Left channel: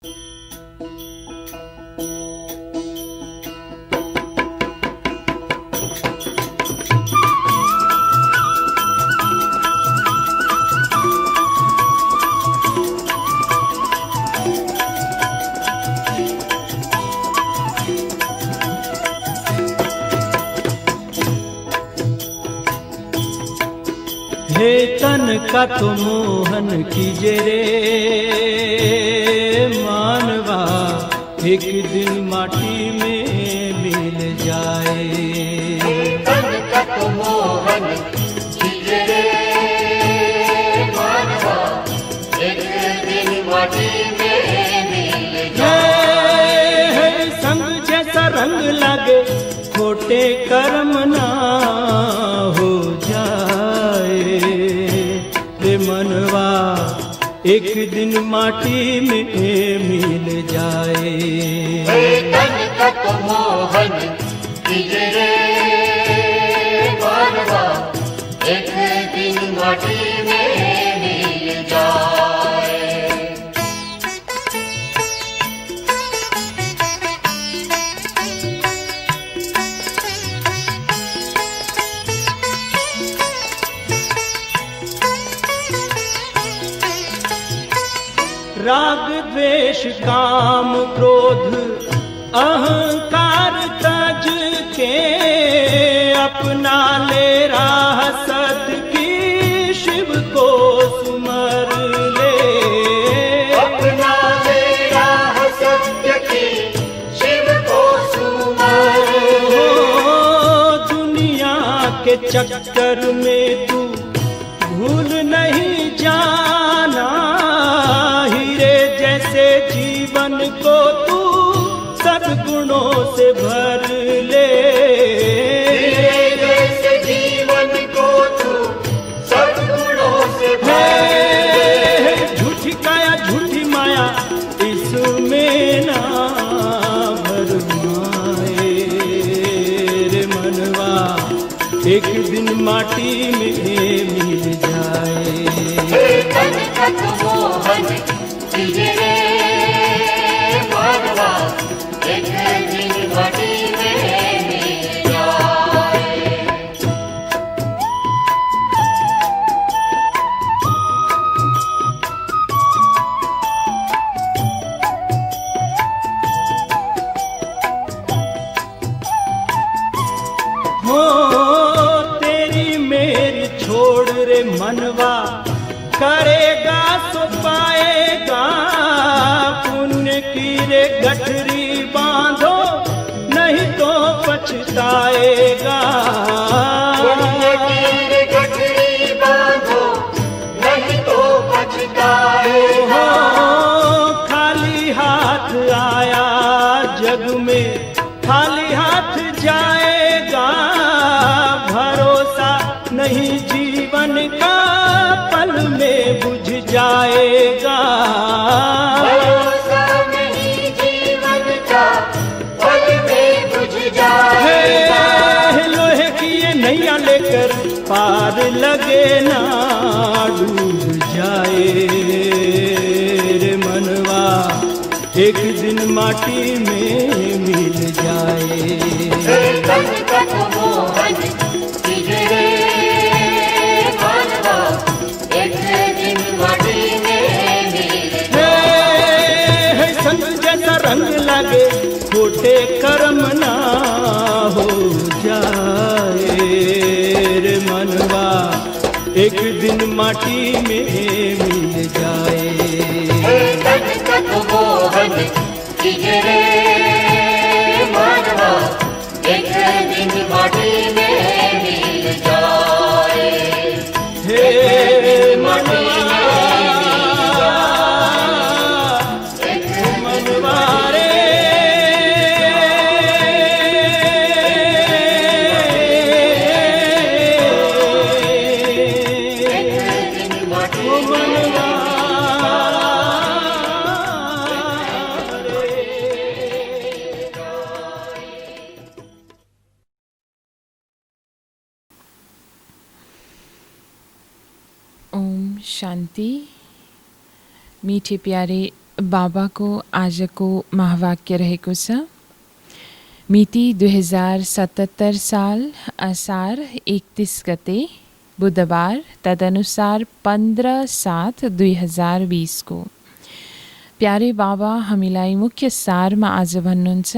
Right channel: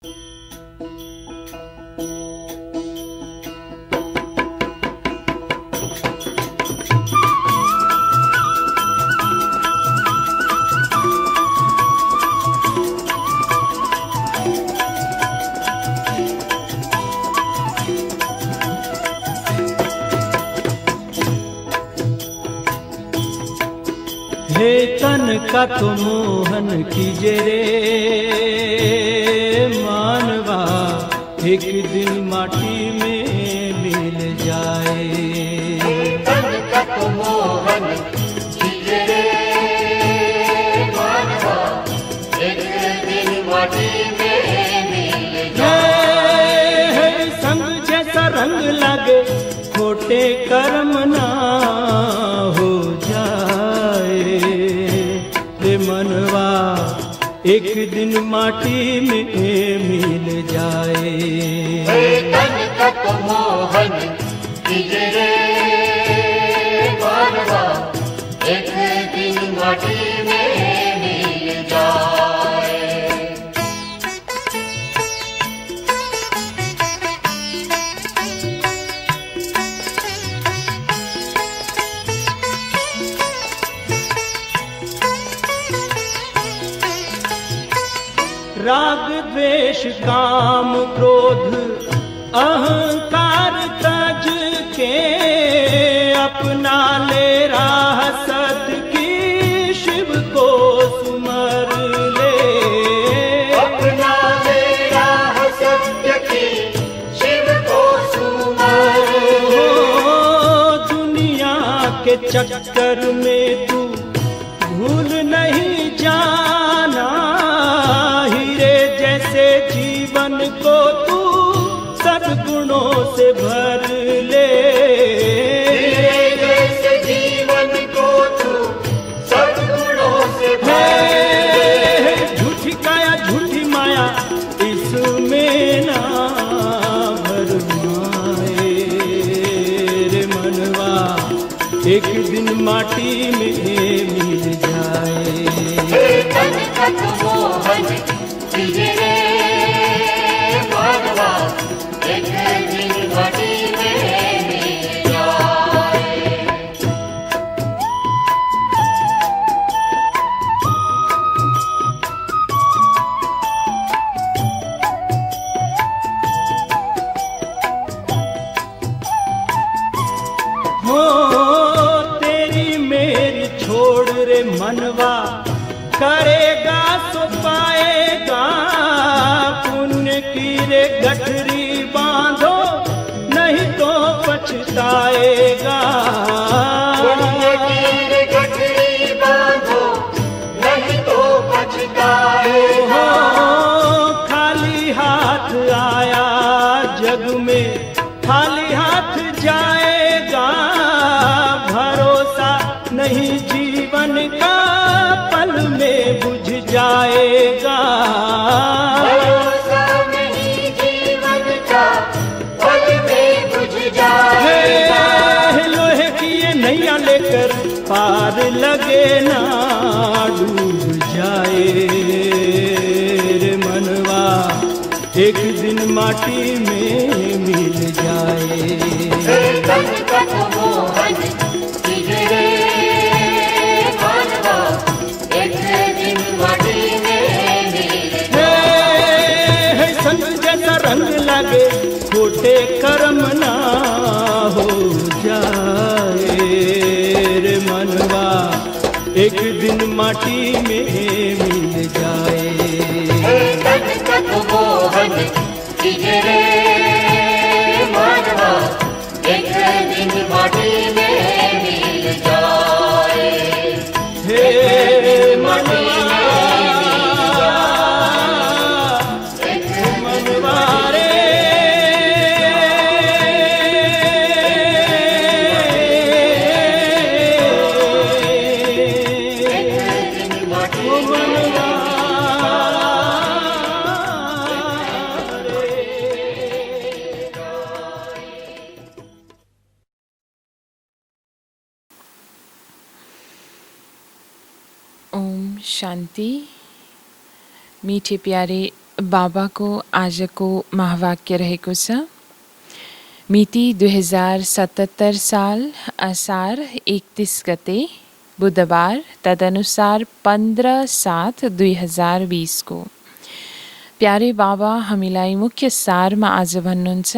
हे तन का तो मोहन कीजे रे मानवा, एक दिन माटी में मिल जाए। तन का तो मोहन कीजे रे मानवा, एक दिन माटी में मिल जाए। संग जैसा रंग लगे खोटे कर्म ना हो जाए रे मनवा, एक दिन माटी में मिल जाए। तन का तो मोहन कीजे रे मानवा, एक दिन माटी में मिल जाए। राग द्वेष काम क्रोध अहंकार तज के, अपना ले राह सत की शिव को सुमर ले। अपना ले राह सत्य की शिव को सुमर ले। दुनिया के चक्कर में तू भूल नहीं जाना, हीरे जैसे जीवन को तू सद्गुणों से भर ले। हीरे जैसे जीवन को तू सद्गुणों से भर ले। झूठी काया झूठी माया इसमें ना भरमाए रे मनवा, एक दिन माटी में मिल जाए। तन का तो मोहन कीजे रे मानवा, एक दिन माटी में मिल जाए। हो तेरी मेरी छोड़ रे मनवा, करेगा सो पाएगा। पुण्य की रे गठरी बांधो, नहीं तो पछताएगा। पुण्य की रे गठरी बांधो, नहीं तो पछताएगा। खाली हाथ आया जग में, खाली हाथ जाएगा। भरोसा नहीं जीवन का, पल में बुझ जाएगा। भरोसा नहीं जीवन का, पल में बुझ जाएगा। लोहे की ये नैया लेकर पार लगे ना डूब जाए रे मनवा, एक दिन माटी में मिल जाए। तन का तो मोहन कीजे रे मानवा, एक दिन माटी में मिल जाए। संग जैसा रंग लगे खोटे कर्म ना हो जाए रे मनवा, एक दिन माटी में मिल जाए। तन का तो मोहन कीजे रे मानवा, एक दिन माटी में मिल जाए। हे माटी में मिल जाए। मनवा रे शांति। मीठे प्यारे बाबाको आजको महावाक्य रहेको छ। मिति 2077 साल असार 31 गते बुधबार, तदनुसार 15/7/2020 को। प्यारे बाबा हामीलाई मुख्य सारमा आज भन्नुहुन्छ,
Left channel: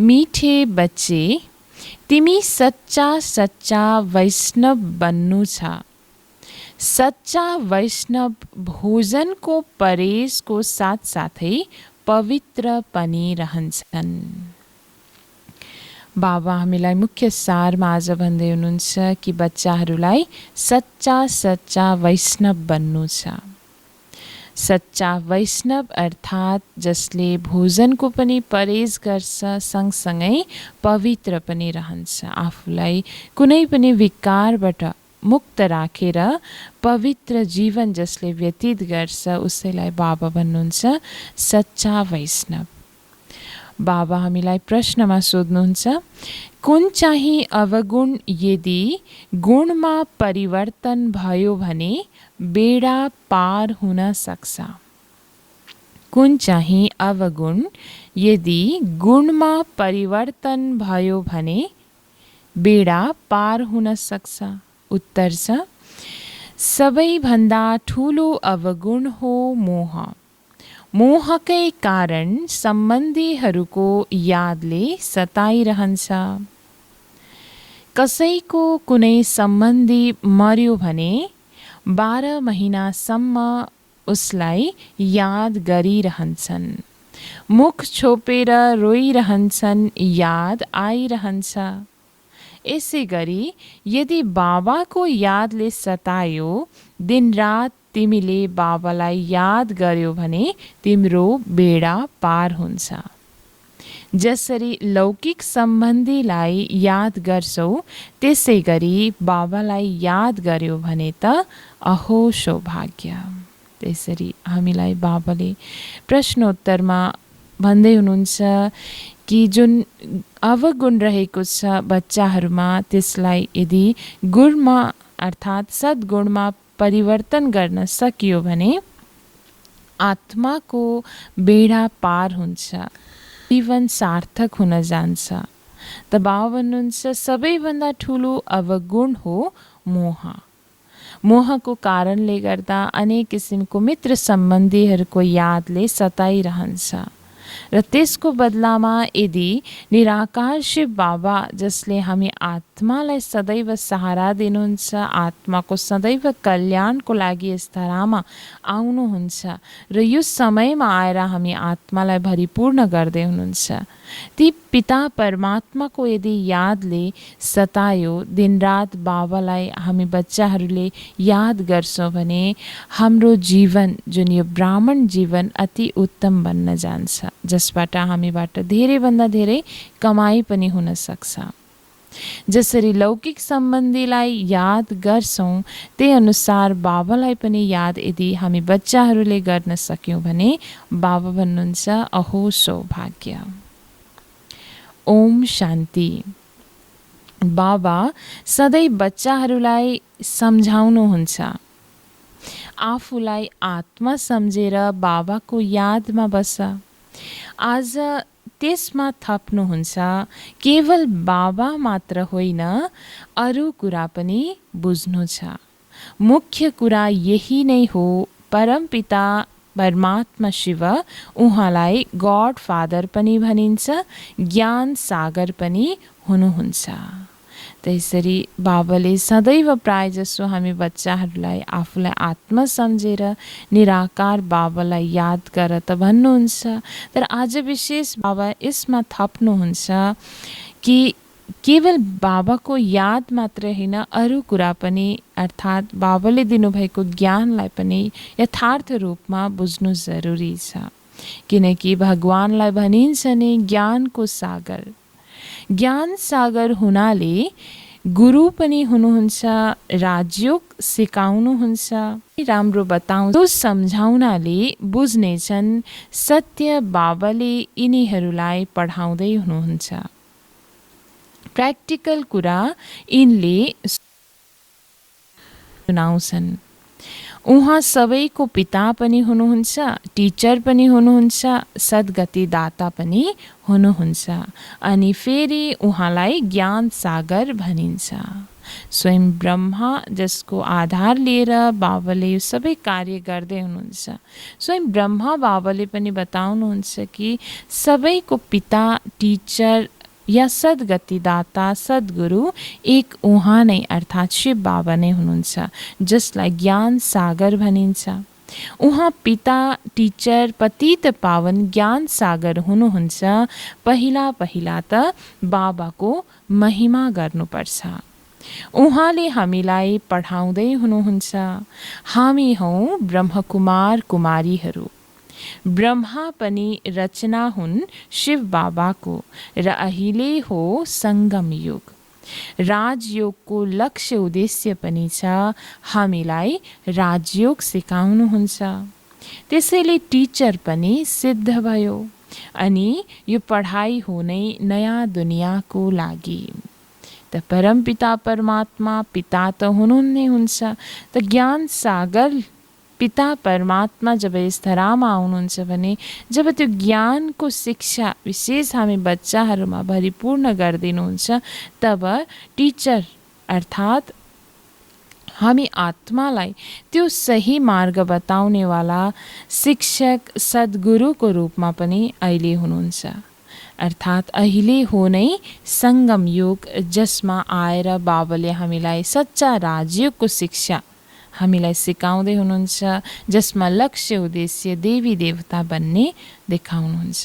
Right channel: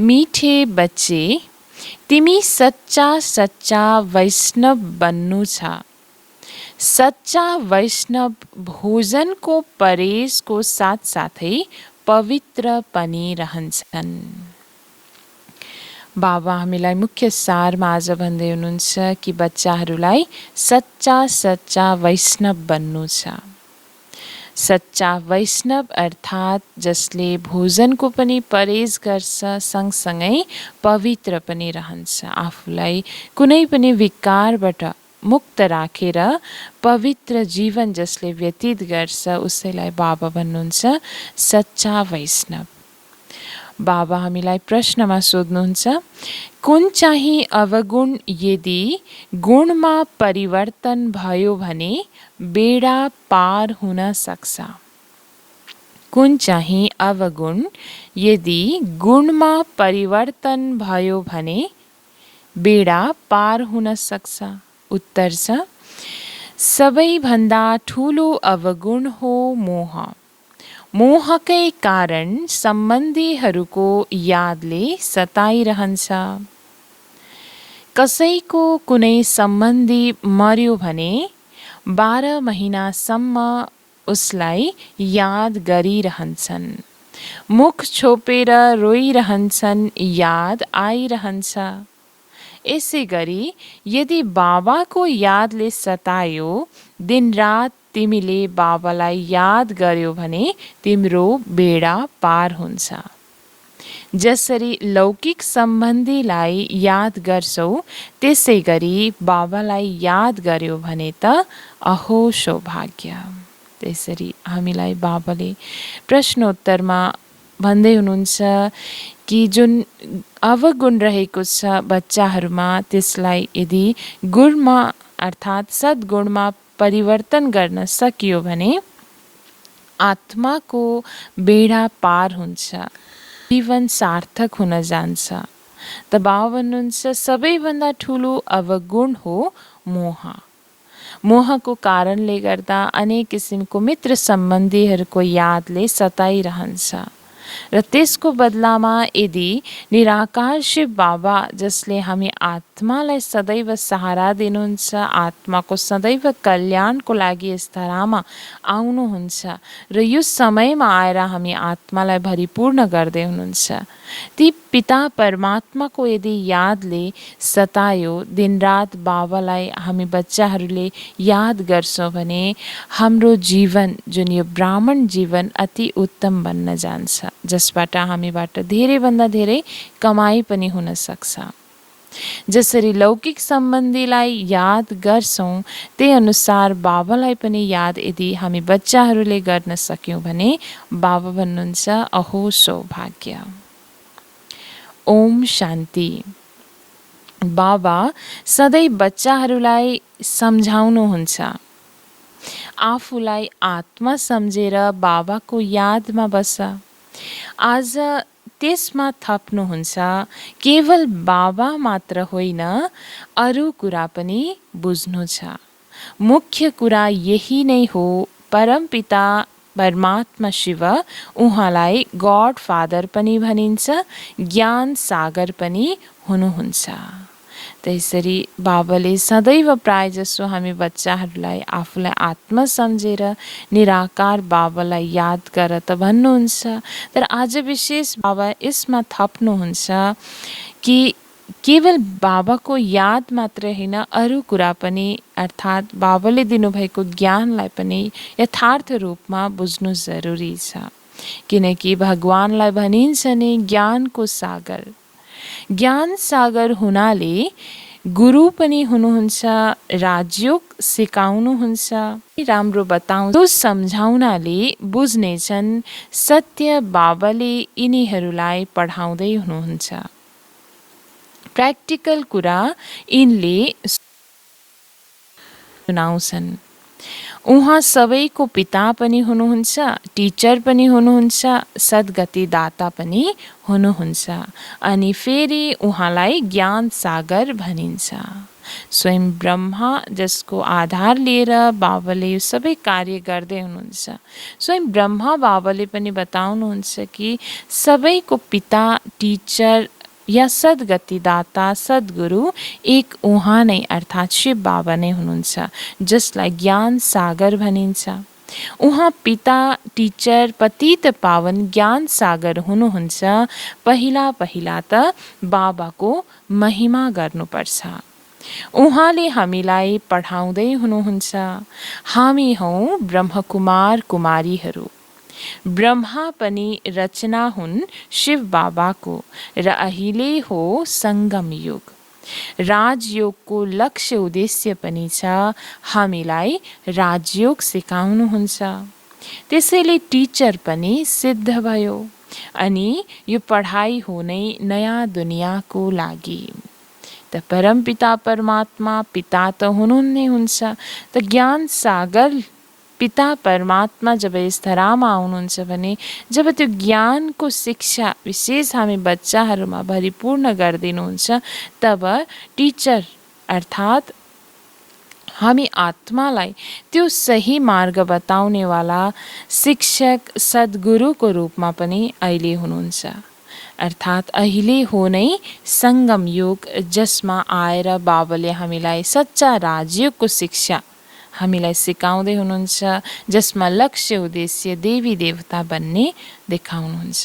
मिठे बच्चे तिमी सच्चा वैष्णव बन्नु छ। सच्चा वैष्णव भोजनको परहेजको साथसाथै पवित्र पनि रहन्छन्। बाबा हामीलाई मुख्य सारमा आज भन्दै हुनुहुन्छ कि बच्चाहरूलाई सच्चा वैष्णव बन्नु छ। सच्चा वैष्णव अर्थात् जसले भोजनको पनि परहेज गर्छ, सँगसँगै पवित्र पनि रहन्छ। आफूलाई कुनै पनि विकारबाट मुक्त राखेर पवित्र जीवन जसले व्यतीत गर्छ उसैलाई बाबा भन्नुहुन्छ सच्चा वैष्णव। बाबा हामीलाई प्रश्नमा सोध्नुहुन्छ, कुन चाहिँ अवगुण यदि गुणमा परिवर्तन भयो भने बेडा पार हुन सक्छ? कुन चाहिँ अवगुण यदि गुणमा परिवर्तन भयो भने बेडा पार हुन सक्छ? उत्तर छ, सबैभन्दा ठुलो अवगुण हो मोह। मोहकै कारण सम्बन्धीहरूको यादले सताइरहन्छ। कसैको कुनै सम्बन्धी मर्यो भने 12 महिनासम्म उसलाई याद गरिरहन्छन्। मुख छोपेर रोइरहन्छन्, याद आइरहन्छ। यसै गरी यदि बाबाको यादले सतायो, दिनरात तिमीले बाबालाई याद गर्यो भने तिम्रो बेडा पार हुन्छ। जसरी लौकिक सम्बन्धीलाई याद गर्छौ, त्यसै गरी बाबालाई याद गर्यो भने त अहो सौभाग्य। त्यसरी हामीलाई बाबाले प्रश्नोत्तरमा भन्दै हुनुहुन्छ कि जुन अवगुण रहेको छ बच्चाहरूमा, त्यसलाई यदि गुणमा अर्थात् सद्गुणमा परिवर्तन गर्न सकियो भने आत्माको बेडा पार हुन्छ, जीवन सार्थक हुन जान्छ। त बाबा भन्नुहुन्छ सबैभन्दा ठुलो अवगुण हो मोह। मोहको कारणले गर्दा अनेक किसिमको मित्र सम्बन्धीहरूको यादले सताइरहन्छ र त्यसको बदलामा यदि निराकार शिव बाबा जसले हामी आत्मालाई सदैव सहारा दिनुहुन्छ, आत्माको सदैव कल्याणको लागि यस धरामा आउनुहुन्छ र यो समयमा आएर हामी आत्मालाई भरिपूर्ण गर्दै हुनुहुन्छ, ती पिता परमात्माको यदि यादले सतायो, दिनरात बाबालाई हामी बच्चाहरूले याद गर्छौँ भने हाम्रो जीवन जुन यो ब्राह्मण जीवन अति उत्तम बन्न जान्छ, जसबाट हामीबाट धेरैभन्दा धेरै कमाई पनि हुन सक्छ। जसरी लौकिक सम्बन्धीलाई याद गर्छौँ, त्यही अनुसार बाबालाई पनि याद यदि हामी बच्चाहरूले गर्न सक्यौँ भने बाबा भन्नुहुन्छ अहो सौभाग्य। ओम शान्ति। बाबा सधैँ बच्चाहरूलाई सम्झाउनुहुन्छ, आफूलाई आत्मा सम्झेर बाबाको यादमा बस। आज त्यसमा थप्नुहुन्छ, केवल बाबा मात्र होइन अरू कुरा पनि बुझ्नु छ। मुख्य कुरा यही नै हो, परमपिता परमात्मा शिव, उहाँलाई गॉड फादर पनि भनिन्छ, ज्ञान सागर पनि हुनुहुन्छ। त्यसरी बाबाले सदैव प्रायजसो हामी बच्चाहरूलाई आफूलाई आत्मा सम्झेर निराकार बाबालाई याद गर त भन्नुहुन्छ, तर आज विशेष बाबा यसमा थप्नुहुन्छ कि केवल बाबाको याद मात्र होइन अरू कुरा पनि अर्थात् बाबाले दिनुभएको ज्ञानलाई पनि यथार्थ रूपमा बुझ्नु जरुरी छ। किनकि भगवानलाई भनिन्छ नि ज्ञानको सागर। ज्ञान सागर हुनाले गुरु पनि हुनुहुन्छ, राजयोग सिकाउनुहुन्छ, राम्रो बताउँदो सम्झाउनाले बुझ्नेछन्। सत्य बाबाले यिनीहरूलाई पढाउँदै हुनुहुन्छ। प्र्याक्टिकल कुरा यिनले सुनाउँछन्। उहाँ सबैको पिता पनि हुनुहुन्छ, टिचर पनि हुनुहुन्छ, सद्गतिदाता पनि हुनुहुन्छ। अनि फेरि उहाँलाई ज्ञान सागर भनिन्छ। स्वयं ब्रह्मा जसको आधार लिएर बाबाले यो सबै कार्य गर्दै हुनुहुन्छ। स्वयं ब्रह्मा बाबाले पनि बताउनुहुन्छ कि सबैको पिता, टिचर या सद्गतिदाता, सद्गुरु एक उहाँ नै अर्थात् शिव बाबा नै हुनुहुन्छ, जसलाई ज्ञान सागर भनिन्छ। उहाँ पिता, टिचर, पतित पावन ज्ञान सागर हुनुहुन्छ। पहिला पहिला त बाबाको महिमा गर्नुपर्छ। उहाँले हामीलाई पढाउँदै हुनुहुन्छ। हामी हौँ ब्रह्मकुमार कुमारीहरू। ब्रह्मा पनि रचना हुन् शिव बाबाको र अहिले हो सङ्गम युग। राजयोगको लक्ष्य उद्देश्य पनि छ हामीलाई राजयोग सिकाउनुहुन्छ। त्यसैले टिचर पनि सिद्ध भयो अनि यो पढाइ हो नै नयाँ दुनियाँको लागि। त परमपिता परमात्मा पिता त हुनुहुन्नै हुन्छ। त ज्ञान सागर पिता परमात्मा जब यस धरामा आउनुहुन्छ भने जब त्यो ज्ञानको शिक्षा विशेष हामी बच्चाहरूमा भरिपूर्ण गरिदिनुहुन्छ, तब टिचर अर्थात् हामी आत्मालाई त्यो सही मार्ग बताउनेवाला शिक्षक सद्गुरुको रूपमा पनि अहिले हुनुहुन्छ। अर्थात् अहिले हो नै सङ्गम युग, जसमा आएर बाबाले हामीलाई सच्चा राजयोगको शिक्षा हामीलाई सिकाउँदै हुनुहुन्छ, जसमा लक्ष्य उद्देश्य देवी देवता बन्ने देखाउनुहुन्छ।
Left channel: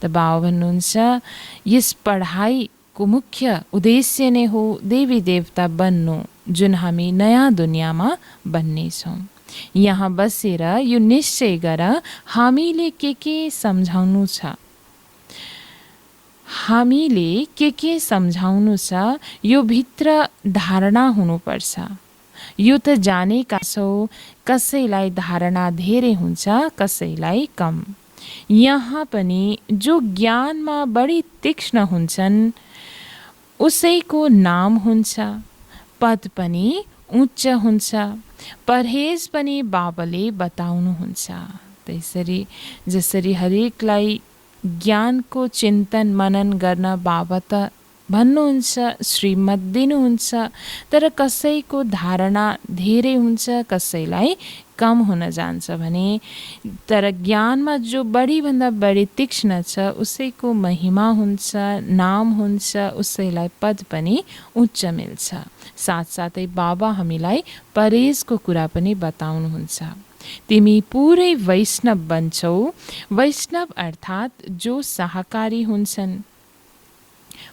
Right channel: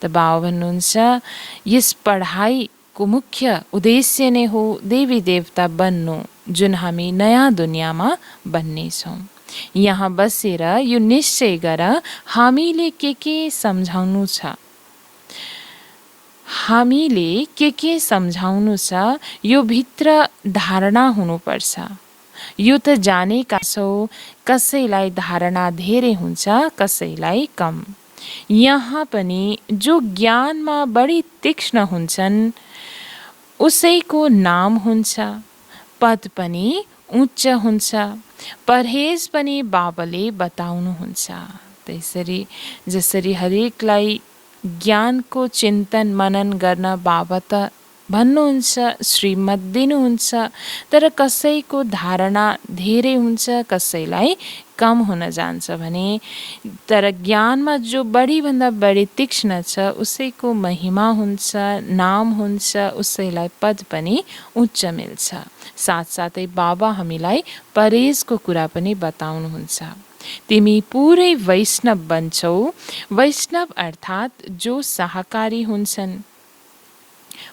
त बाबा भन्नुहुन्छ यस पढाइको मुख्य उद्देश्य नै हो देवी देवता बन्नु, जुन हामी नयाँ दुनियाँमा बन्नेछौँ। यहाँ बसेर यो निश्चय गर हामीले के सम्झाउनु छ, हामीले के सम्झाउनु छ, यो भित्र धारणा हुनुपर्छ। यो त जानेका छौँ, कसैलाई धारणा धेरै हुन्छ, कसैलाई कम। यहाँ पनि जो ज्ञानमा बढी तीक्ष्ण हुन्छन् उसैको नाम हुन्छ, पद पनि उच्च हुन्छ, परहेज पनि बाबाले बताउनुहुन्छ। त्यसरी जसरी हरेकलाई ज्ञानको चिन्तन मनन गर्न बाबा त भन्नुहुन्छ, श्रीमत दिनुहुन्छ, तर कसैको धारणा धेरै हुन्छ, कसैलाई कम हुन जान्छ भने, तर ज्ञानमा जो बढीभन्दा बढी तीक्ष्ण छ उसैको महिमा हुन्छ, नाम हुन्छ, उसैलाई पद पनि उच्च मिल्छ। साथसाथै बाबा हामीलाई परहेजको कुरा पनि बताउनुहुन्छ। तिमी पुरै वैष्णव बन्छौ। वैष्णव अर्थात् जो शाकाहारी हुन्छन्,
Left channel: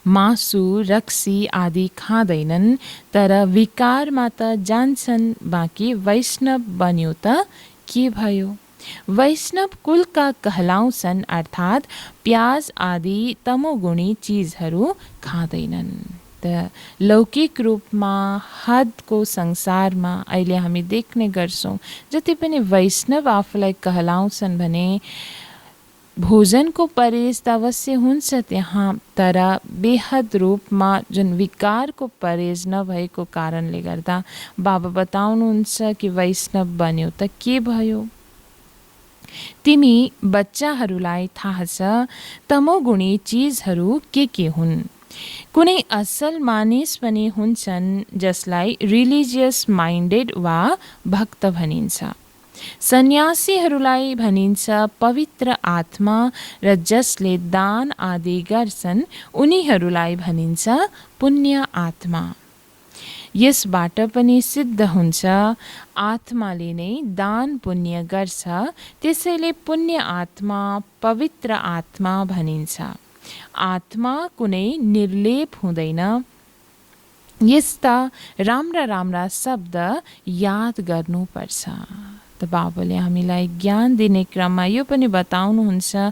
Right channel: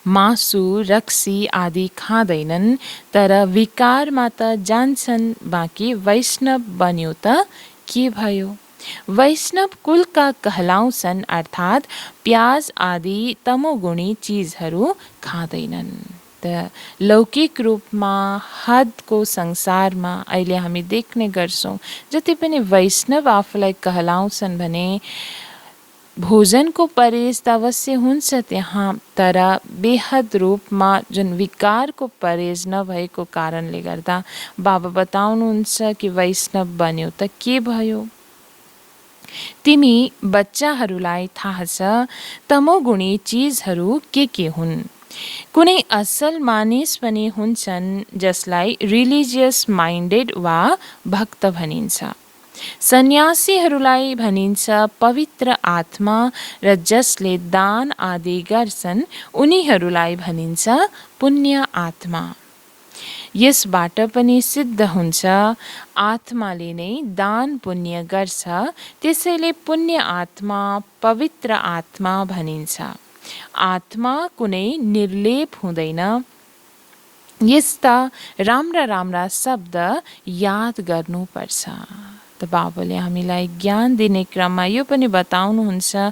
मासु, रक्सी आदि खाँदैनन्, तर विकारमा त जान्छन्। बाँकी वैष्णव बन्यो त के भयो? वैष्णव कुलका कहलाउँछन्, अर्थात् प्याज आदि तमोगुणी चिजहरू खाँदैनन्। त लौकिक रूपमा हदको संसारमा अहिले हामी देख्ने गर्छौँ, जति पनि वैष्णव आफूलाई कहलाउँछन् भने भोजनको परहेज त अवश्य हुन्छ त्यहाँ, तर बेहद रूपमा जुन विकारको परहेज नभएको कारणले गर्दा बाबा बताउनुहुन्छ कि वैष्णव बन्यो त के भयो? तिमी बच्चाहरूलाई थाहा छ तमोगुणी चिजहरू के हुन्। कुनै असल मानिस पनि हुन्छन् जसलाई रिलिजियस माइन्डेड वा भक्त भनिन्छ। सन्यासीहरूलाई भनिन्छ पवित्र आत्मा, र जसले दान आदि गर्छन् उनीहरूलाई भनिन्छ पुण्य आत्मा। यसबाट पनि सिद्ध हुन्छ आत्माले नै दान पुण्य गर्छ, त्यसैले पुण्य आत्मा, पवित्र आत्मा भनिन्छ। आत्मा कुनै निर्लेप हुँदैन। यस्ता राम्रा राम्रा शब्द याद गर्नुपर्छ। त बाबाले हामीलाई ज्ञान दिने क्रममा यो पनि बताउनुहुन्छ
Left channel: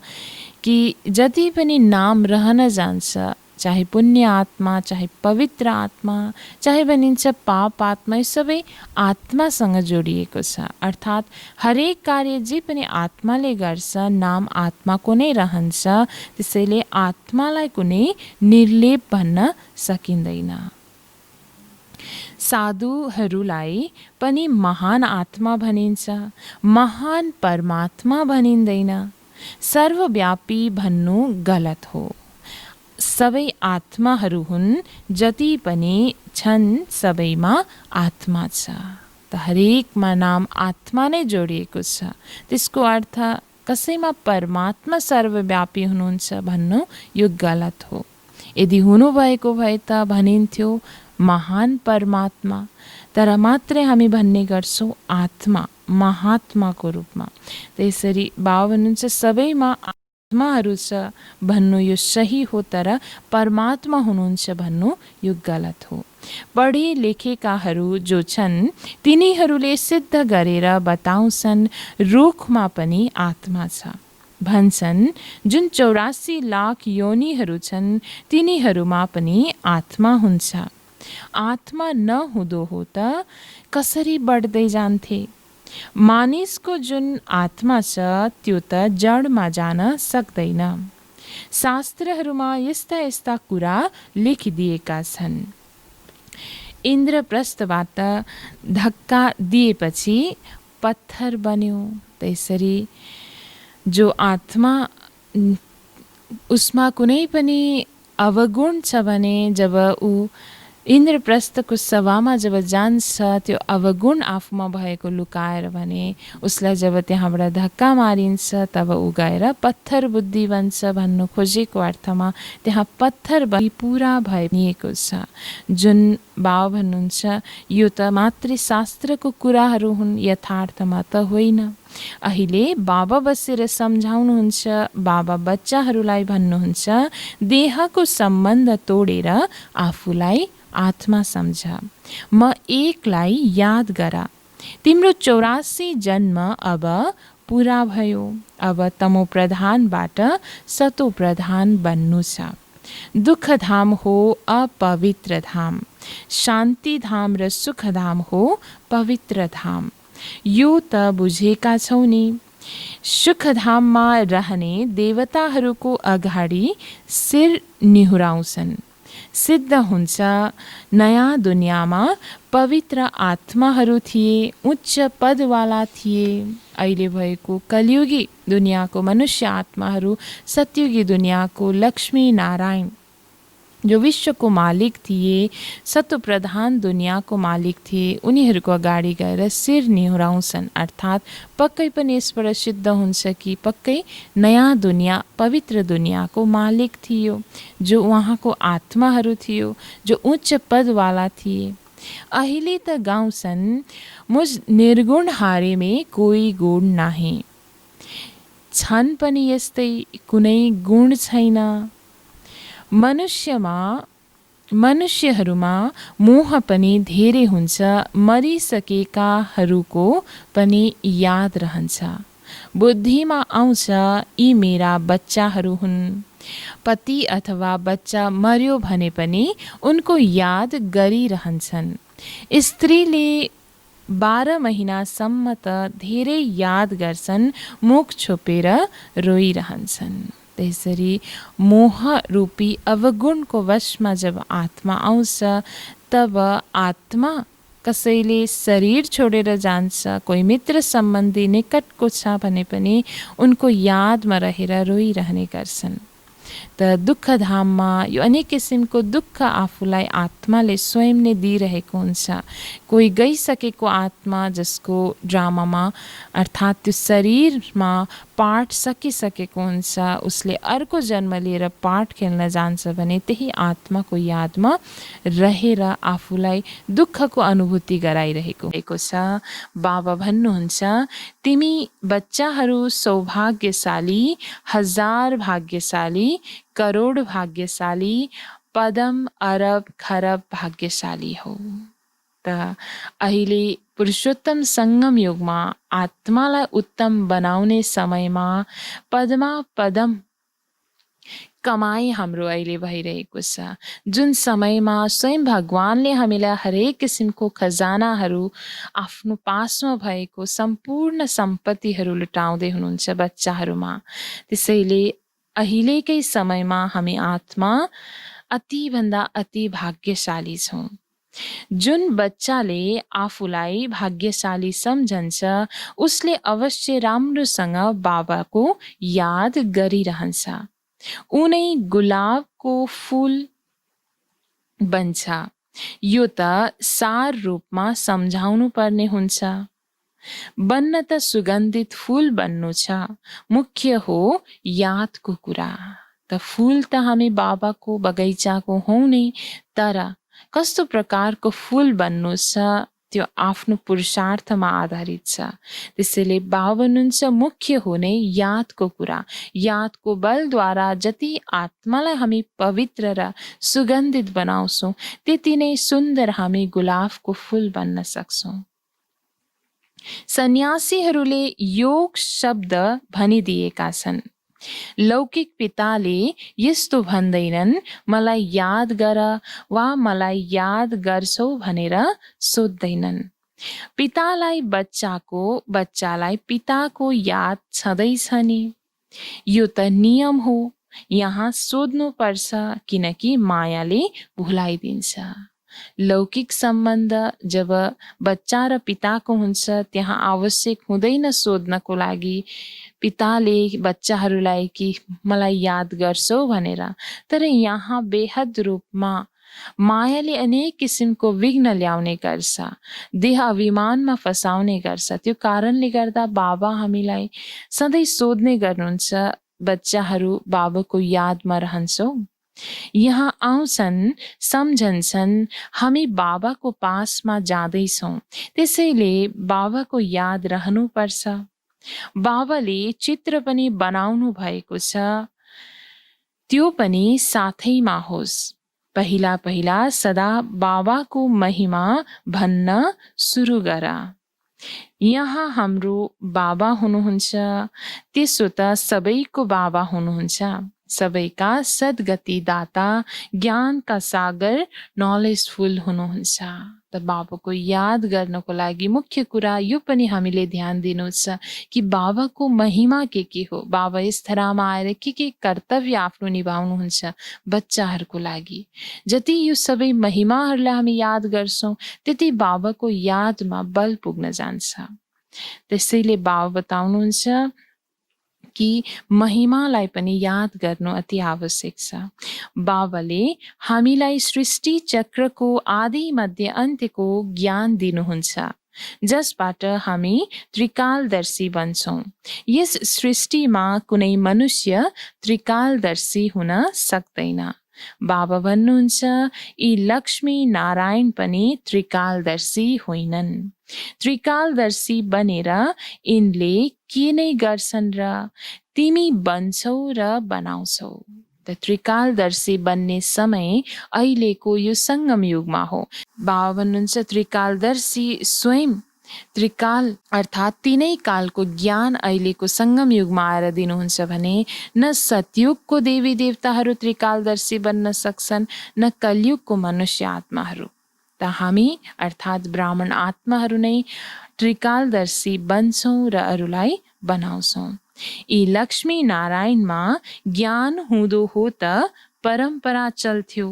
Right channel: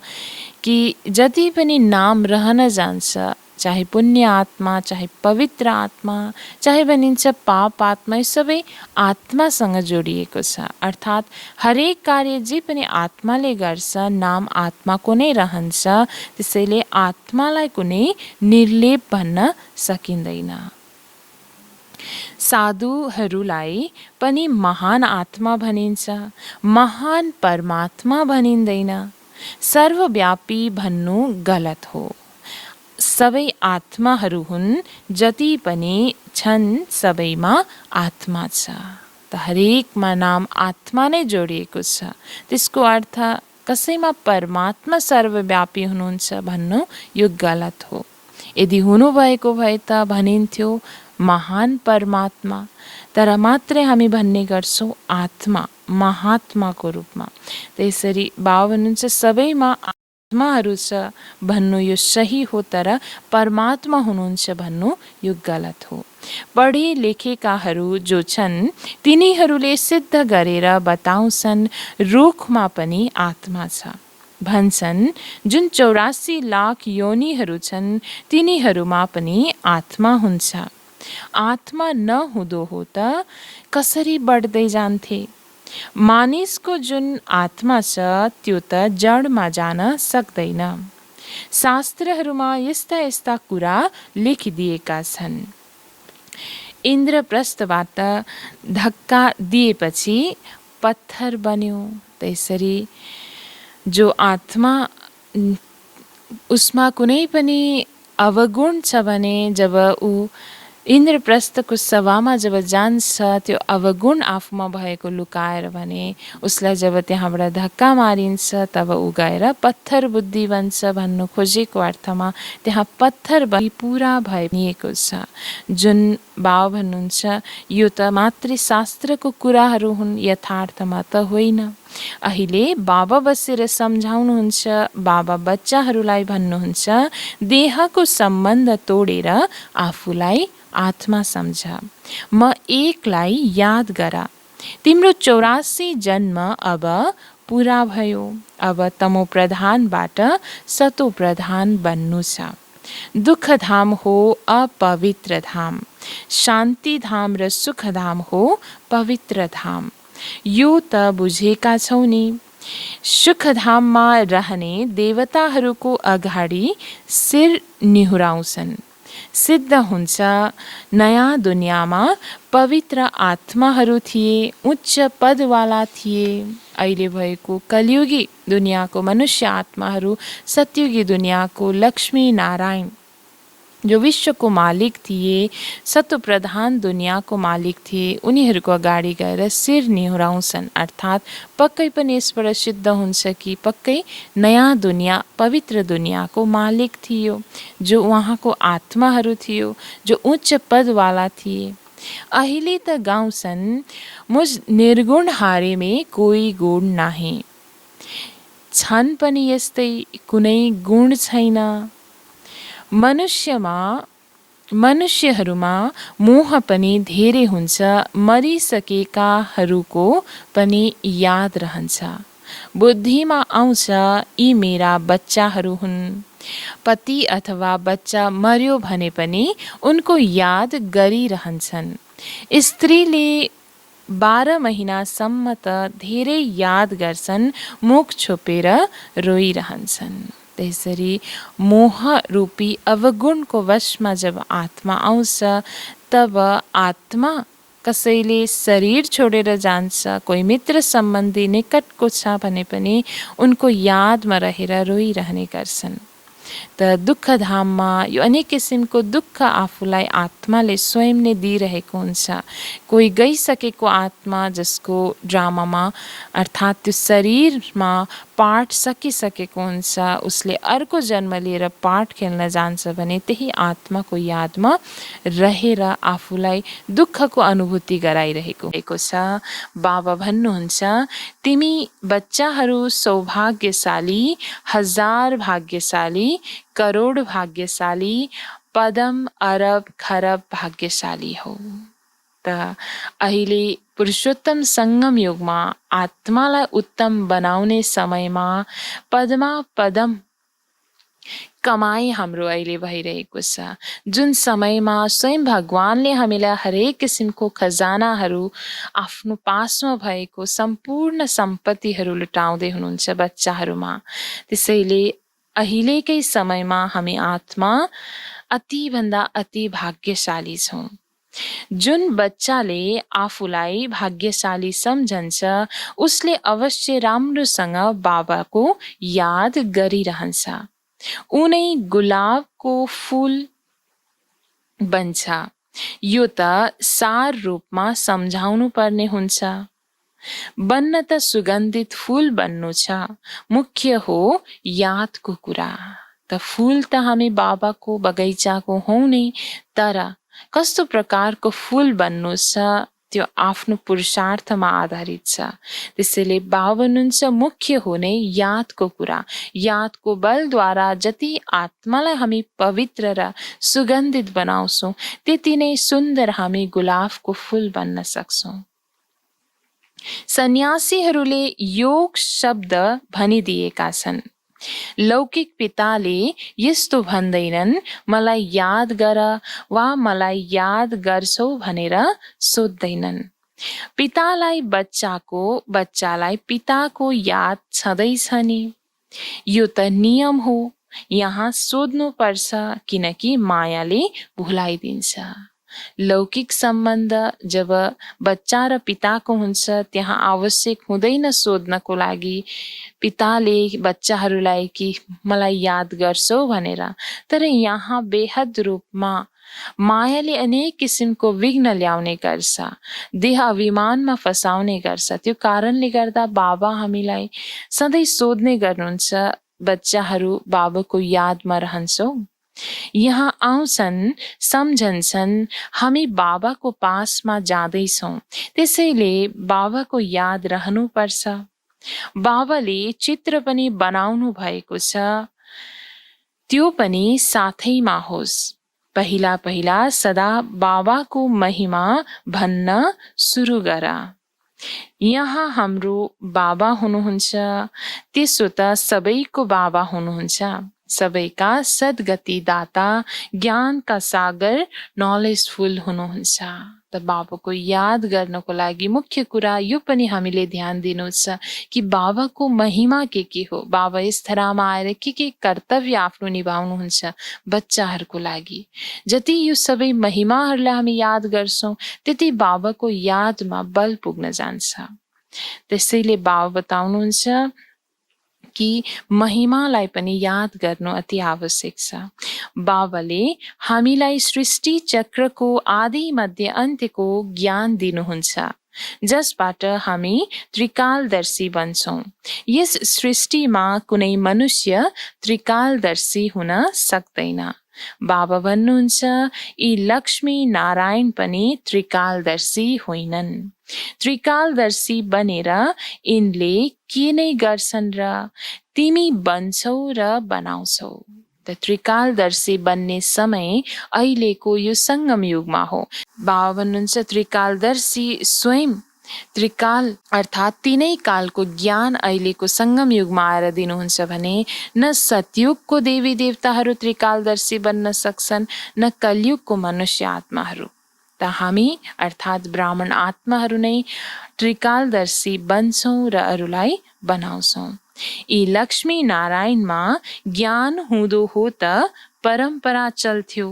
कि जति पनि नाम रहन जान्छ, चाहे पुण्य आत्मा, चाहे पवित्र आत्मा, चाहे भनिन्छ पाप आत्मा, यो सबै आत्मासँग जोडिएको छ। अर्थात् हरेक कार्य जे पनि आत्माले गर्छ, नाम आत्माको नै रहन्छ। त्यसैले आत्मालाई कुनै निर्लेप भन्न सकिँदैन। साधुहरूलाई पनि महान आत्मा भनिन्छ, महान परमात्मा भनिँदैन। सर्वव्यापी भन्नु गलत हो। सबै आत्माहरू हुन्, जति पनि छन् सबैमा आत्मा छ। त हरेकमा नाम आत्मा नै जोडिएको छ। त्यसको अर्थ कसैमा परमात्मा सर्वव्यापी हुनुहुन्छ भन्नु यो गलत हो। यदि हुनुभएको भए त भनिन्थ्यो महान परमात्मा, तर मात्रै हामी भन्ने गर्छौँ आत्मा, महात्माको रूपमा। त्यसरी बाबा भन्नुहुन्छ सबैमा आत्माहरू छ भन्नु यो सही हो, तर परमात्मा हुनुहुन्छ भन्नु यो गलत हो। पढे लेखेकाहरू जो छन् तिनीहरूले सिद्ध गरेर बताउँछन् रुखमा पनि आत्मा छ। भन्छन् जुन 84 लाख योनिहरू छन् तिनीहरूमा पनि आत्मा हुन्छ। आत्मा नहुँदो हो त कसरी बढ्दै जान्थे? मानिसको जुन आत्मा छ त्यो त जडमा जान सक्दैन। शास्त्रहरूमा यस्ता यस्ता कुरा लेखिदिएका छन्। इन्द्रप्रस्थबाट धक्का दिएपछि पत्थर बन्यो। त्यसरी जो आत्मा उसमा कुनै पनि अवगुण छ भने जब ऊ इन्द्रप्रस्थको सभामा जब जान्छ त्यो अवगुण आफूमा भएको लुकाएर भने उसलाई जब त्यहाँबाट धक्का मारिन्छ तब ऊ गएर पत्थर बुद्धि बन्छ भन्नु खोजेको अर्थमा त्यहाँ पत्थर बनी पुरा भइएको छ। जुन बाबा भन्नुहुन्छ यो त मात्रै शास्त्रको कुराहरू हुन्, यथार्थमा त होइन। अहिले बाबा बसेर सम्झाउनुहुन्छ, बाबा बच्चाहरूलाई भन्नुहुन्छ देहको सम्बन्ध तोडेर आफूलाई आत्मा सम्झ। म एकलाई याद गर। तिम्रो 84 जन्म अब पुरा भयो। अब तमो प्रधानबाट सतो प्रधान बन्नु छ। दुःखधाम हो अपवित्र धाम, शान्ति धाम र सुखधाम हो पवित्र धाम। यो त बुझेका छौ नि। सुखधाममा रहने देवताहरूको अगाडि शिर निहुराउँछन्। सिद्ध हुन्छ नयाँ दुनियाँमा पवित्र आत्माहरू थिए, उच्च पदवाला थिए। अहिले भएको कलियुगी दुनियाँको मनुष्य आत्माहरू सतयुगी दुनियाँको लक्ष्मी नारायण जो विश्वको मालिक थिए, सतोप्रधान दुनियाँको मालिक थिए, उनीहरूको अगाडि गएर शिर निहुराउँछन्। अर्थात् पक्कै पनि यसबाट सिद्ध हुन्छ कि पक्कै नयाँ दुनियाँ पवित्र दुनियाँको मालिक थियो, जो उहाँको आत्माहरू थियो, जो उच्च पदवाला थिए। अहिले त गाउँछन् मुझ निर्गुण हारेमे कोही गुण नाही। छन् पनि यस्तै कुनै गुण छैन। मनुष्यहरूमा मोह पनि धेरै हुन्छ। मरिसकेकाहरूको पनि याद रहन्छ। बुद्धिमा आउँछ यी मेरा बच्चाहरू हुन्। पति अथवा बच्चा मर्यो भने पनि उनको याद गरिरहन्छन्। स्त्रीले 12 महिनासम्म त धेरै याद गर्छन्, मुख छोपेर रोइरहन्छन्। त्यसरी मोह रूपी अवगुणको वशमा जब आत्मा आउँछ तब आत्मा कसैले शरीर छोडेर जान्छ, कोही मित्र सम्बन्धी निकटको छ भने पनि उनको यादमा रहेर रोइरहने गर्छन्। त दुःखधाममा यो अनेक किसिमको दुःख आफूलाई आत्माले स्वयं नै दिइरहेको हुन्छ। कोही गइसकेको आत्मा जसको ड्रामामा अर्थात् त्यो शरीरमा पाठ सकिसकेको हुन्छ, उसले अर्को जन्म लिएर पाठ खेल्न जान्छ भने त्यही आत्माको यादमा रहेर आफूलाई दुःखको अनुभूति गराइरहेको छ। बाबा भन्नुहुन्छ तिमी बच्चाहरू सौभाग्यशाली, 1000 भाग्यशाली, करोड भाग्यशाली, पदम अरब खरब भाग्यशाली हो। त अहिले पुरुषोत्तम सङ्गम युगमा आत्मालाई उत्तम बनाउने समयमा पदम कमाई हाम्रो अहिले भइरहेको छ। जुन समयमा स्वयं भगवानले हामीलाई हरेक किसिमको खजानाहरू आफ्नो पासमा भएको सम्पूर्ण सम्पत्तिहरू लुटाउँदै हुनुहुन्छ बच्चाहरूमा। त्यसैले अहिलेकै समयमा हामी आत्मा अति भन्दा अति भाग्यशाली छौँ। जुन बच्चाले आफूलाई भाग्यशाली सम्झन्छ उसले अवश्य राम्रोसँग बाबाको याद गरिरहन्छ। उनै गुलाबको फूल बन्छ। यो त सार रूपमा सम्झाउनु पर्ने हुन्छ। बन्न त सुगन्धित फूल बन्नु छ, मुख्य हो यादको कुरा। त फूल त हामी बाबाको बगैँचाको हौँ नै, तर कस्तो प्रकारको फूल बन्नु छ त्यो आफ्नो पुरुषार्थमा आधारित छ। त्यसैले बाबा भन्नुहुन्छ मुख्य हो नै यादको कुरा। यादको बलद्वारा जति आत्मालाई हामी पवित्र र सुगन्धित बनाउँछौँ त्यति नै सुन्दर हामी गुलाबको फूल बन्न सक्छौँ। सन्यासीहरूले योग शब्द भनिदिएका छन्। लौकिक पिताले यस्तो भन्दैनन् मलाई याद गर वा मलाई याद गर्छौ भनेर सोध्दैनन्। पितालाई बच्चालाई पिताको याद छँदैछ नि। यो त नियम हो, यहाँ सोध्नु पर्छ किनकि मायाले भुलाइदिन्छ। लौकिक सम्बन्ध जब बच्चा र पिताको हुन्छ त्यहाँ आवश्यक हुँदैन सोध्नको लागि पिताले बच्चाहरूलाई कि मलाई याद गर्छौ भनेर। तर यहाँ बेहद रूपमा मायाले अनेक किसिमको विघ्न ल्याउने गर्छ, देह अभिमानमा फसाउने गर्छ। त्यो कारणले गर्दा बाबा हामीलाई सधैँ सोध्ने गर्नुहुन्छ बच्चाहरू बाबाको यादमा रहन्छौ। यहाँ आउँछन्, सम्झन्छन् हामी बाबाको पासमा जाँदैछौँ, त्यसैले बाबाको याद रहनुपर्छ। बाबाले चित्र पनि बनाउनु भएको छ, त्यो पनि साथैमा होस्। पहिला पहिला सदा बाबाको महिमा भन्न सुरु गर। यहाँ हाम्रो बाबा हुनुहुन्छ, त्यसो त सबैको बाबा हुनुहुन्छ। सबैका सद्गति दाता, ज्ञानका सागर, नलेजफुल हुनुहुन्छ। त बाबाको याद गर्नको लागि मुख्य कुरा यो पनि हामीले ध्यान दिनु छ कि बाबाको महिमा के हो। बाबा यस धरामा आएर के कर्तव्य आफ्नो निभाउनुहुन्छ बच्चाहरूको लागि। जति यो सबै महिमाहरूलाई हामी याद गर्छौँ त्यति बाबाको यादमा बल पुग्न जान्छ। त्यसैले बाबा बताउनुहुन्छ कि महिमालाई पनि याद गर्नु अति आवश्यक छ। बाबाले हामीलाई सृष्टि चक्रको आदि मध्य अन्त्यको ज्ञान दिनुहुन्छ, जसबाट हामी त्रिकालदर्शी बन्छौँ। यस सृष्टिमा कुनै मनुष्य त्रिकालदर्शी हुन सक्दैन। बाबा भन्नुहुन्छ यी लक्ष्मी नारायण पनि त्रिकालदर्शी होइनन्। त्रिकालदर्शी बनेर यिनले के नै गर्छन् र तिमी बन्छौ र बनाउँछौ। त त्रिकालदर्शी बन्ने समय अहिलेको यो सङ्गम युगमा हो। बाबा भन्नुहुन्छ त्रिकालदर्शी स्वयं त्रिकाल अर्थात् तीनै कालको ज्ञान अहिलेको सङ्गम युगमा आएर दिनुहुन्छ भने न सतयुगको देवी देवताहरू त्रिकालदर्शी बन्न सक्छन् न कलयुगको मनुष्य आत्माहरू। त हामी अर्थात् ब्राह्मण आत्माहरू नै त्रिकालदर्शी बन्छौँ र अरूलाई बनाउँछौँ। यी लक्ष्मी नारायणमा ज्ञान हुँदो हो त परम्परा चल्थ्यो,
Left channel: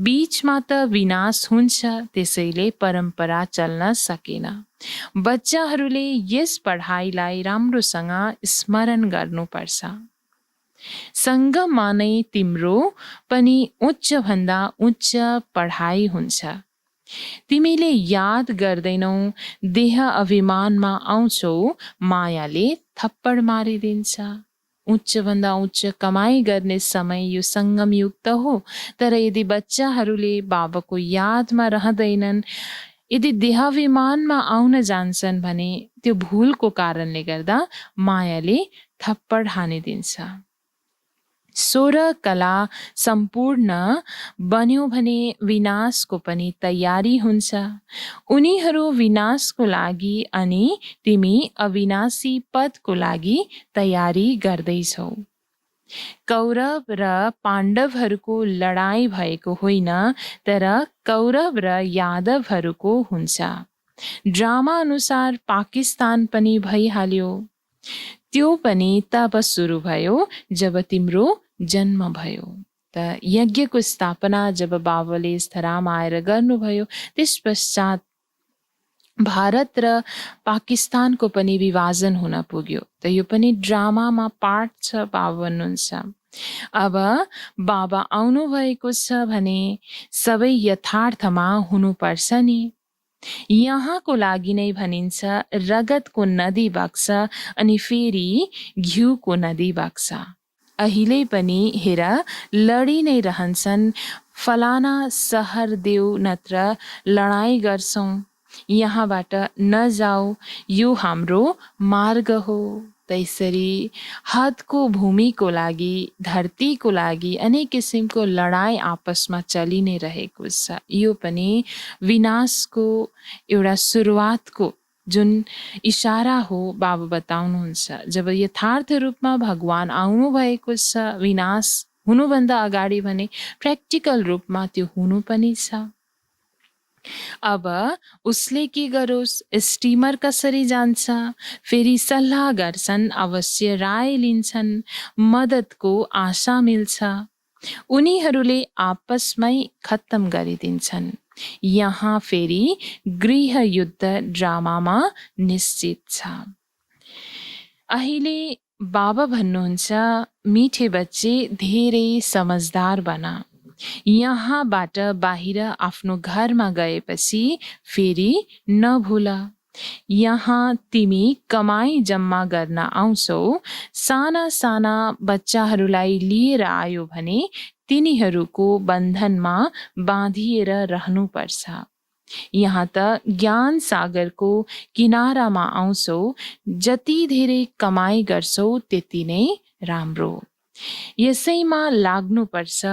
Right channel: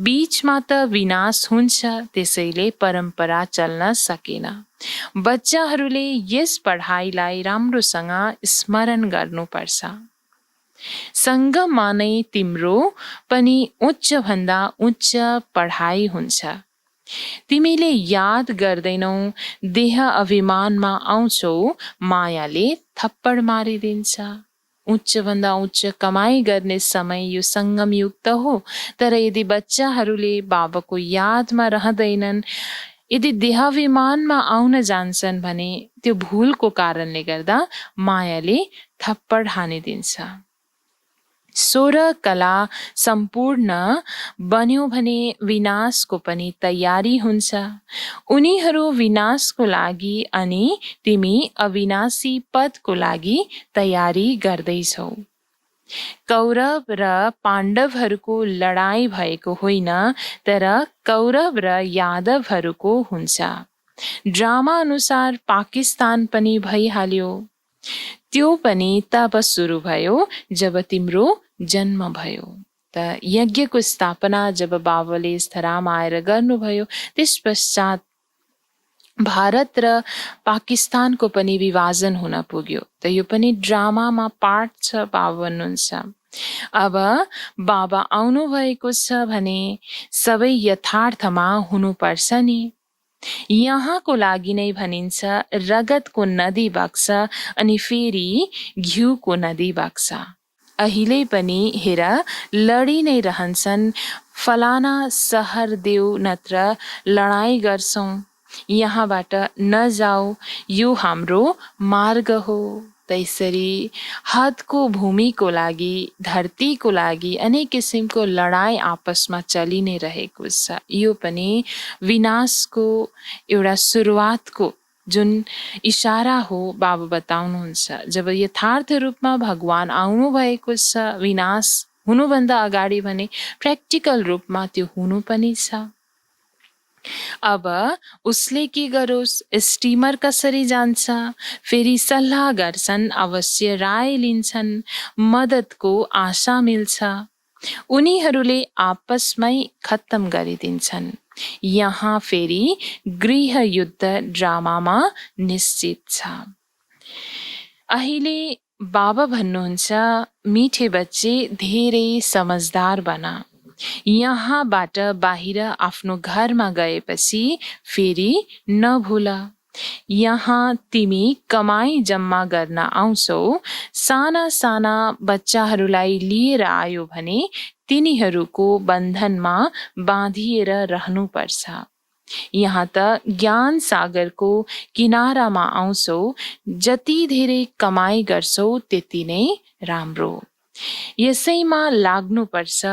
बीचमा त विनाश हुन्छ, त्यसैले परम्परा चल्न सकेन। बच्चाहरूले यस पढाइलाई राम्रोसँग स्मरण गर्नुपर्छ। सङ्गममा नै तिम्रो पनि उच्चभन्दा उच्च पढाइ हुन्छ। तिमीले याद गर्दैनौ, देह अभिमानमा आउँछौ, मायाले थप्पड मारिदिन्छ। उच्चभन्दा उच्च कमाई गर्ने समय यो सङ्गम युग त हो, तर यदि बच्चाहरूले बाबाको यादमा रहँदैनन्, यदि देहाभिमानमा आउन जान्छन् भने त्यो भुलको कारणले गर्दा मायाले थप्पड हानिदिन्छ। 16 कला सम्पूर्ण बन्यो भने विनाशको पनि तयारी हुन्छ। उनीहरू विनाशको लागि अनि तिमी अविनाशी पदको लागि तयारी गर्दैछौ। कौरव र पाण्डवहरूको लडाई भएको होइन, तर कौरव र यादवहरूको हुन्छ। ड्रामा अनुसार पाकिस्तान पनि भइहाल्यो। त्यो पनि तब सुरु भयो जब तिम्रो जन्म भयो। त यज्ञको स्थापना जब बाबाले यस धरामा आएर गर्नुभयो, त्यस पश्चात भारत र पाकिस्तानको पनि विभाजन हुन पुग्यो। त यो पनि ड्रामामा पार्ट छ, बाबा भन्नुहुन्छ। अब बाबा आउनुभएको छ भने सबै यथार्थमा हुनुपर्छ नि। यहाँको लागि नै भनिन्छ रगतको नदी बग्छ अनि फेरि घिउको नदी बग्छ। अहिले पनि हेर लडी नै रहन्छन्, फलाना सहर देऊ नत्र लडाई गर्छौं, यहाँबाट नजाऊ, यो हाम्रो मार्ग हो। त्यसरी हदको भूमिको लागि, धरतीको लागि अनेक किसिमको लडाई आपसमा चलि नै रहेको छ। यो पनि विनाशको एउटा सुरुवातको जुन इशारा हो बाबा बताउनुहुन्छ। जब यथार्थ रूपमा भगवान आउनु भएको छ विनाश हुनुभन्दा अगाडि भने प्र्याक्टिकल रूपमा त्यो हुनु पनि छ। अब उसले के गरोस्, स्टिमर कसरी जान्छ, फेरि सल्लाह गर्छन्, अवश्य राय लिन्छन्, मद्दतको आशा मिल्छ। उनीहरूले आपसमै खत्तम गरिदिन्छन्। यहाँ फेरि गृह युद्ध ड्रामामा निश्चित छ। अहिले बाबा भन्नुहुन्छ, मिठे बच्चे धेरै समझदार बना। यहाँबाट बाहिर आफ्नो घरमा गएपछि फेरि नभुल, यहाँ तिमी कमाई जम्मा गर्न आउँछौ। साना साना बच्चाहरूलाई लिएर आयो भने तिनीहरूको बन्धनमा बाँधिएर रहनुपर्छ। यहाँ त ज्ञान सागरको किनारामा आउँछौ, जति धेरै कमाई गर्छौ त्यति नै राम्रो। यसैमा लाग्नुपर्छ।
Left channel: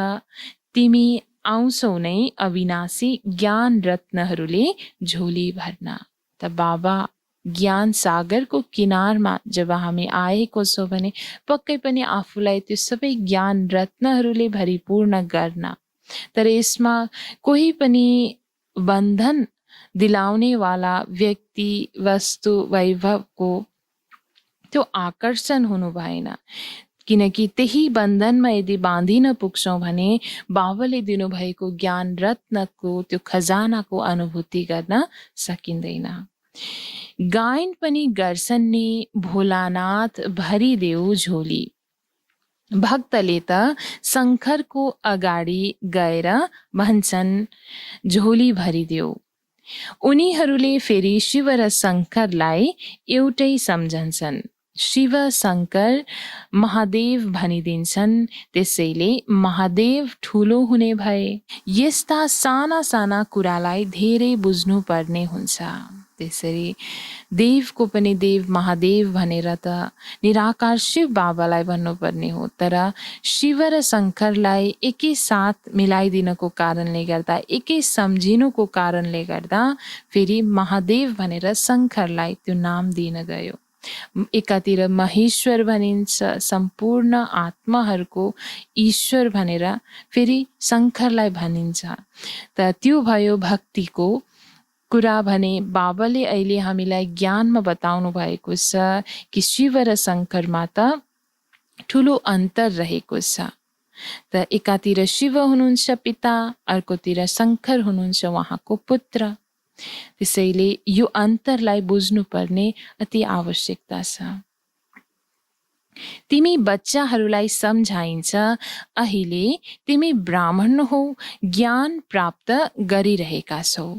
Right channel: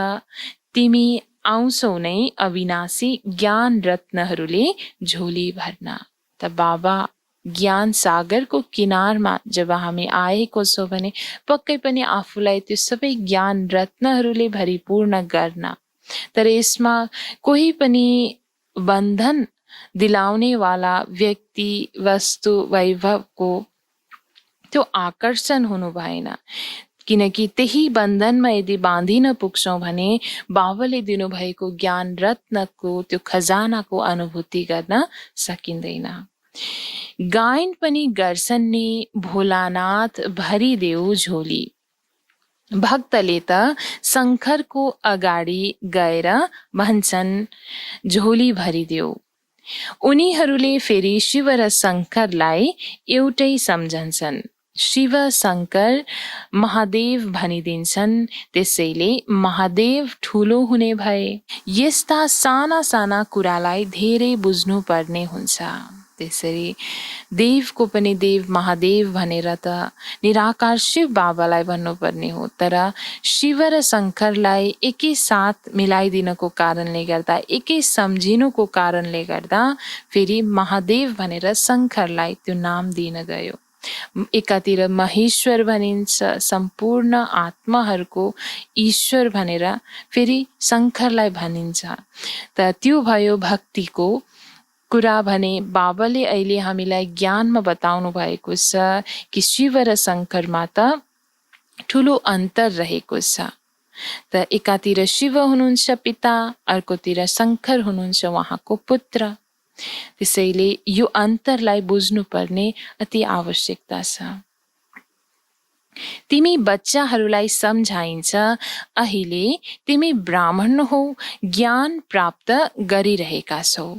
तिमी आउँछौ नै अविनाशी ज्ञान रत्नहरूले झोली भर्न। त बाबा ज्ञान सागरको किनारमा जब हामी आएको छौँ भने पक्कै पनि आफूलाई त्यो सबै ज्ञान रत्नहरूले भरिपूर्ण गर्न। तर यसमा कोही पनि बन्धन दिलाउनेवाला व्यक्ति, वस्तु, वैभवको त्यो आकर्षण हुनु भएन। किनकि त्यही बन्धनमा यदि बाँधिन पुग्छौँ भने बाबाले दिनुभएको ज्ञान रत्नको त्यो खजानाको अनुभूति गर्न सकिँदैन। गायन पनि गर्छन् नि, भोलानाथ भरिदेऊ झोली। भक्तले त शङ्करको अगाडि गएर भन्छन् झोली भरिदेऊ। उनीहरूले फेरि शिव र शङ्करलाई एउटै सम्झन्छन्। शिव शङ्कर महादेव भनिदिन्छन्, त्यसैले महादेव ठुलो हुने भए। यस्ता साना साना कुरालाई धेरै बुझ्नु पर्ने हुन्छ। त्यसरी देवको पनि देव महादेव भनेर त निराकार शिव बाबालाई भन्नुपर्ने हो। तर शिव र शङ्करलाई एकै साथ मिलाइदिनको कारणले गर्दा, एकै सम्झिनुको कारणले गर्दा फेरि महादेव भनेर शङ्करलाई त्यो नाम दिन गयो। एकातिर महेश्वर भनिन्छ, सम्पूर्ण आत्माहरूको ईश्वर भनेर फेरि शङ्करलाई भनिन्छ। त त्यो भयो भक्तिको कुरा भने बाबाले अहिले हामीलाई ज्ञानमा बताउनु भएको छ कि शिव र शङ्करमा त ठुलो अन्तर रहेको छ। त एकातिर शिव हुनुहुन्छ पिता, अर्कोतिर शङ्कर हुनुहुन्छ उहाँको पुत्र। त्यसैले यो अन्तरलाई बुझ्नुपर्ने अति आवश्यकता छ। तिमी बच्चाहरूलाई सम्झाइन्छ, अहिले तिमी ब्राह्मण हौ, ज्ञान प्राप्त गरिरहेका छौ।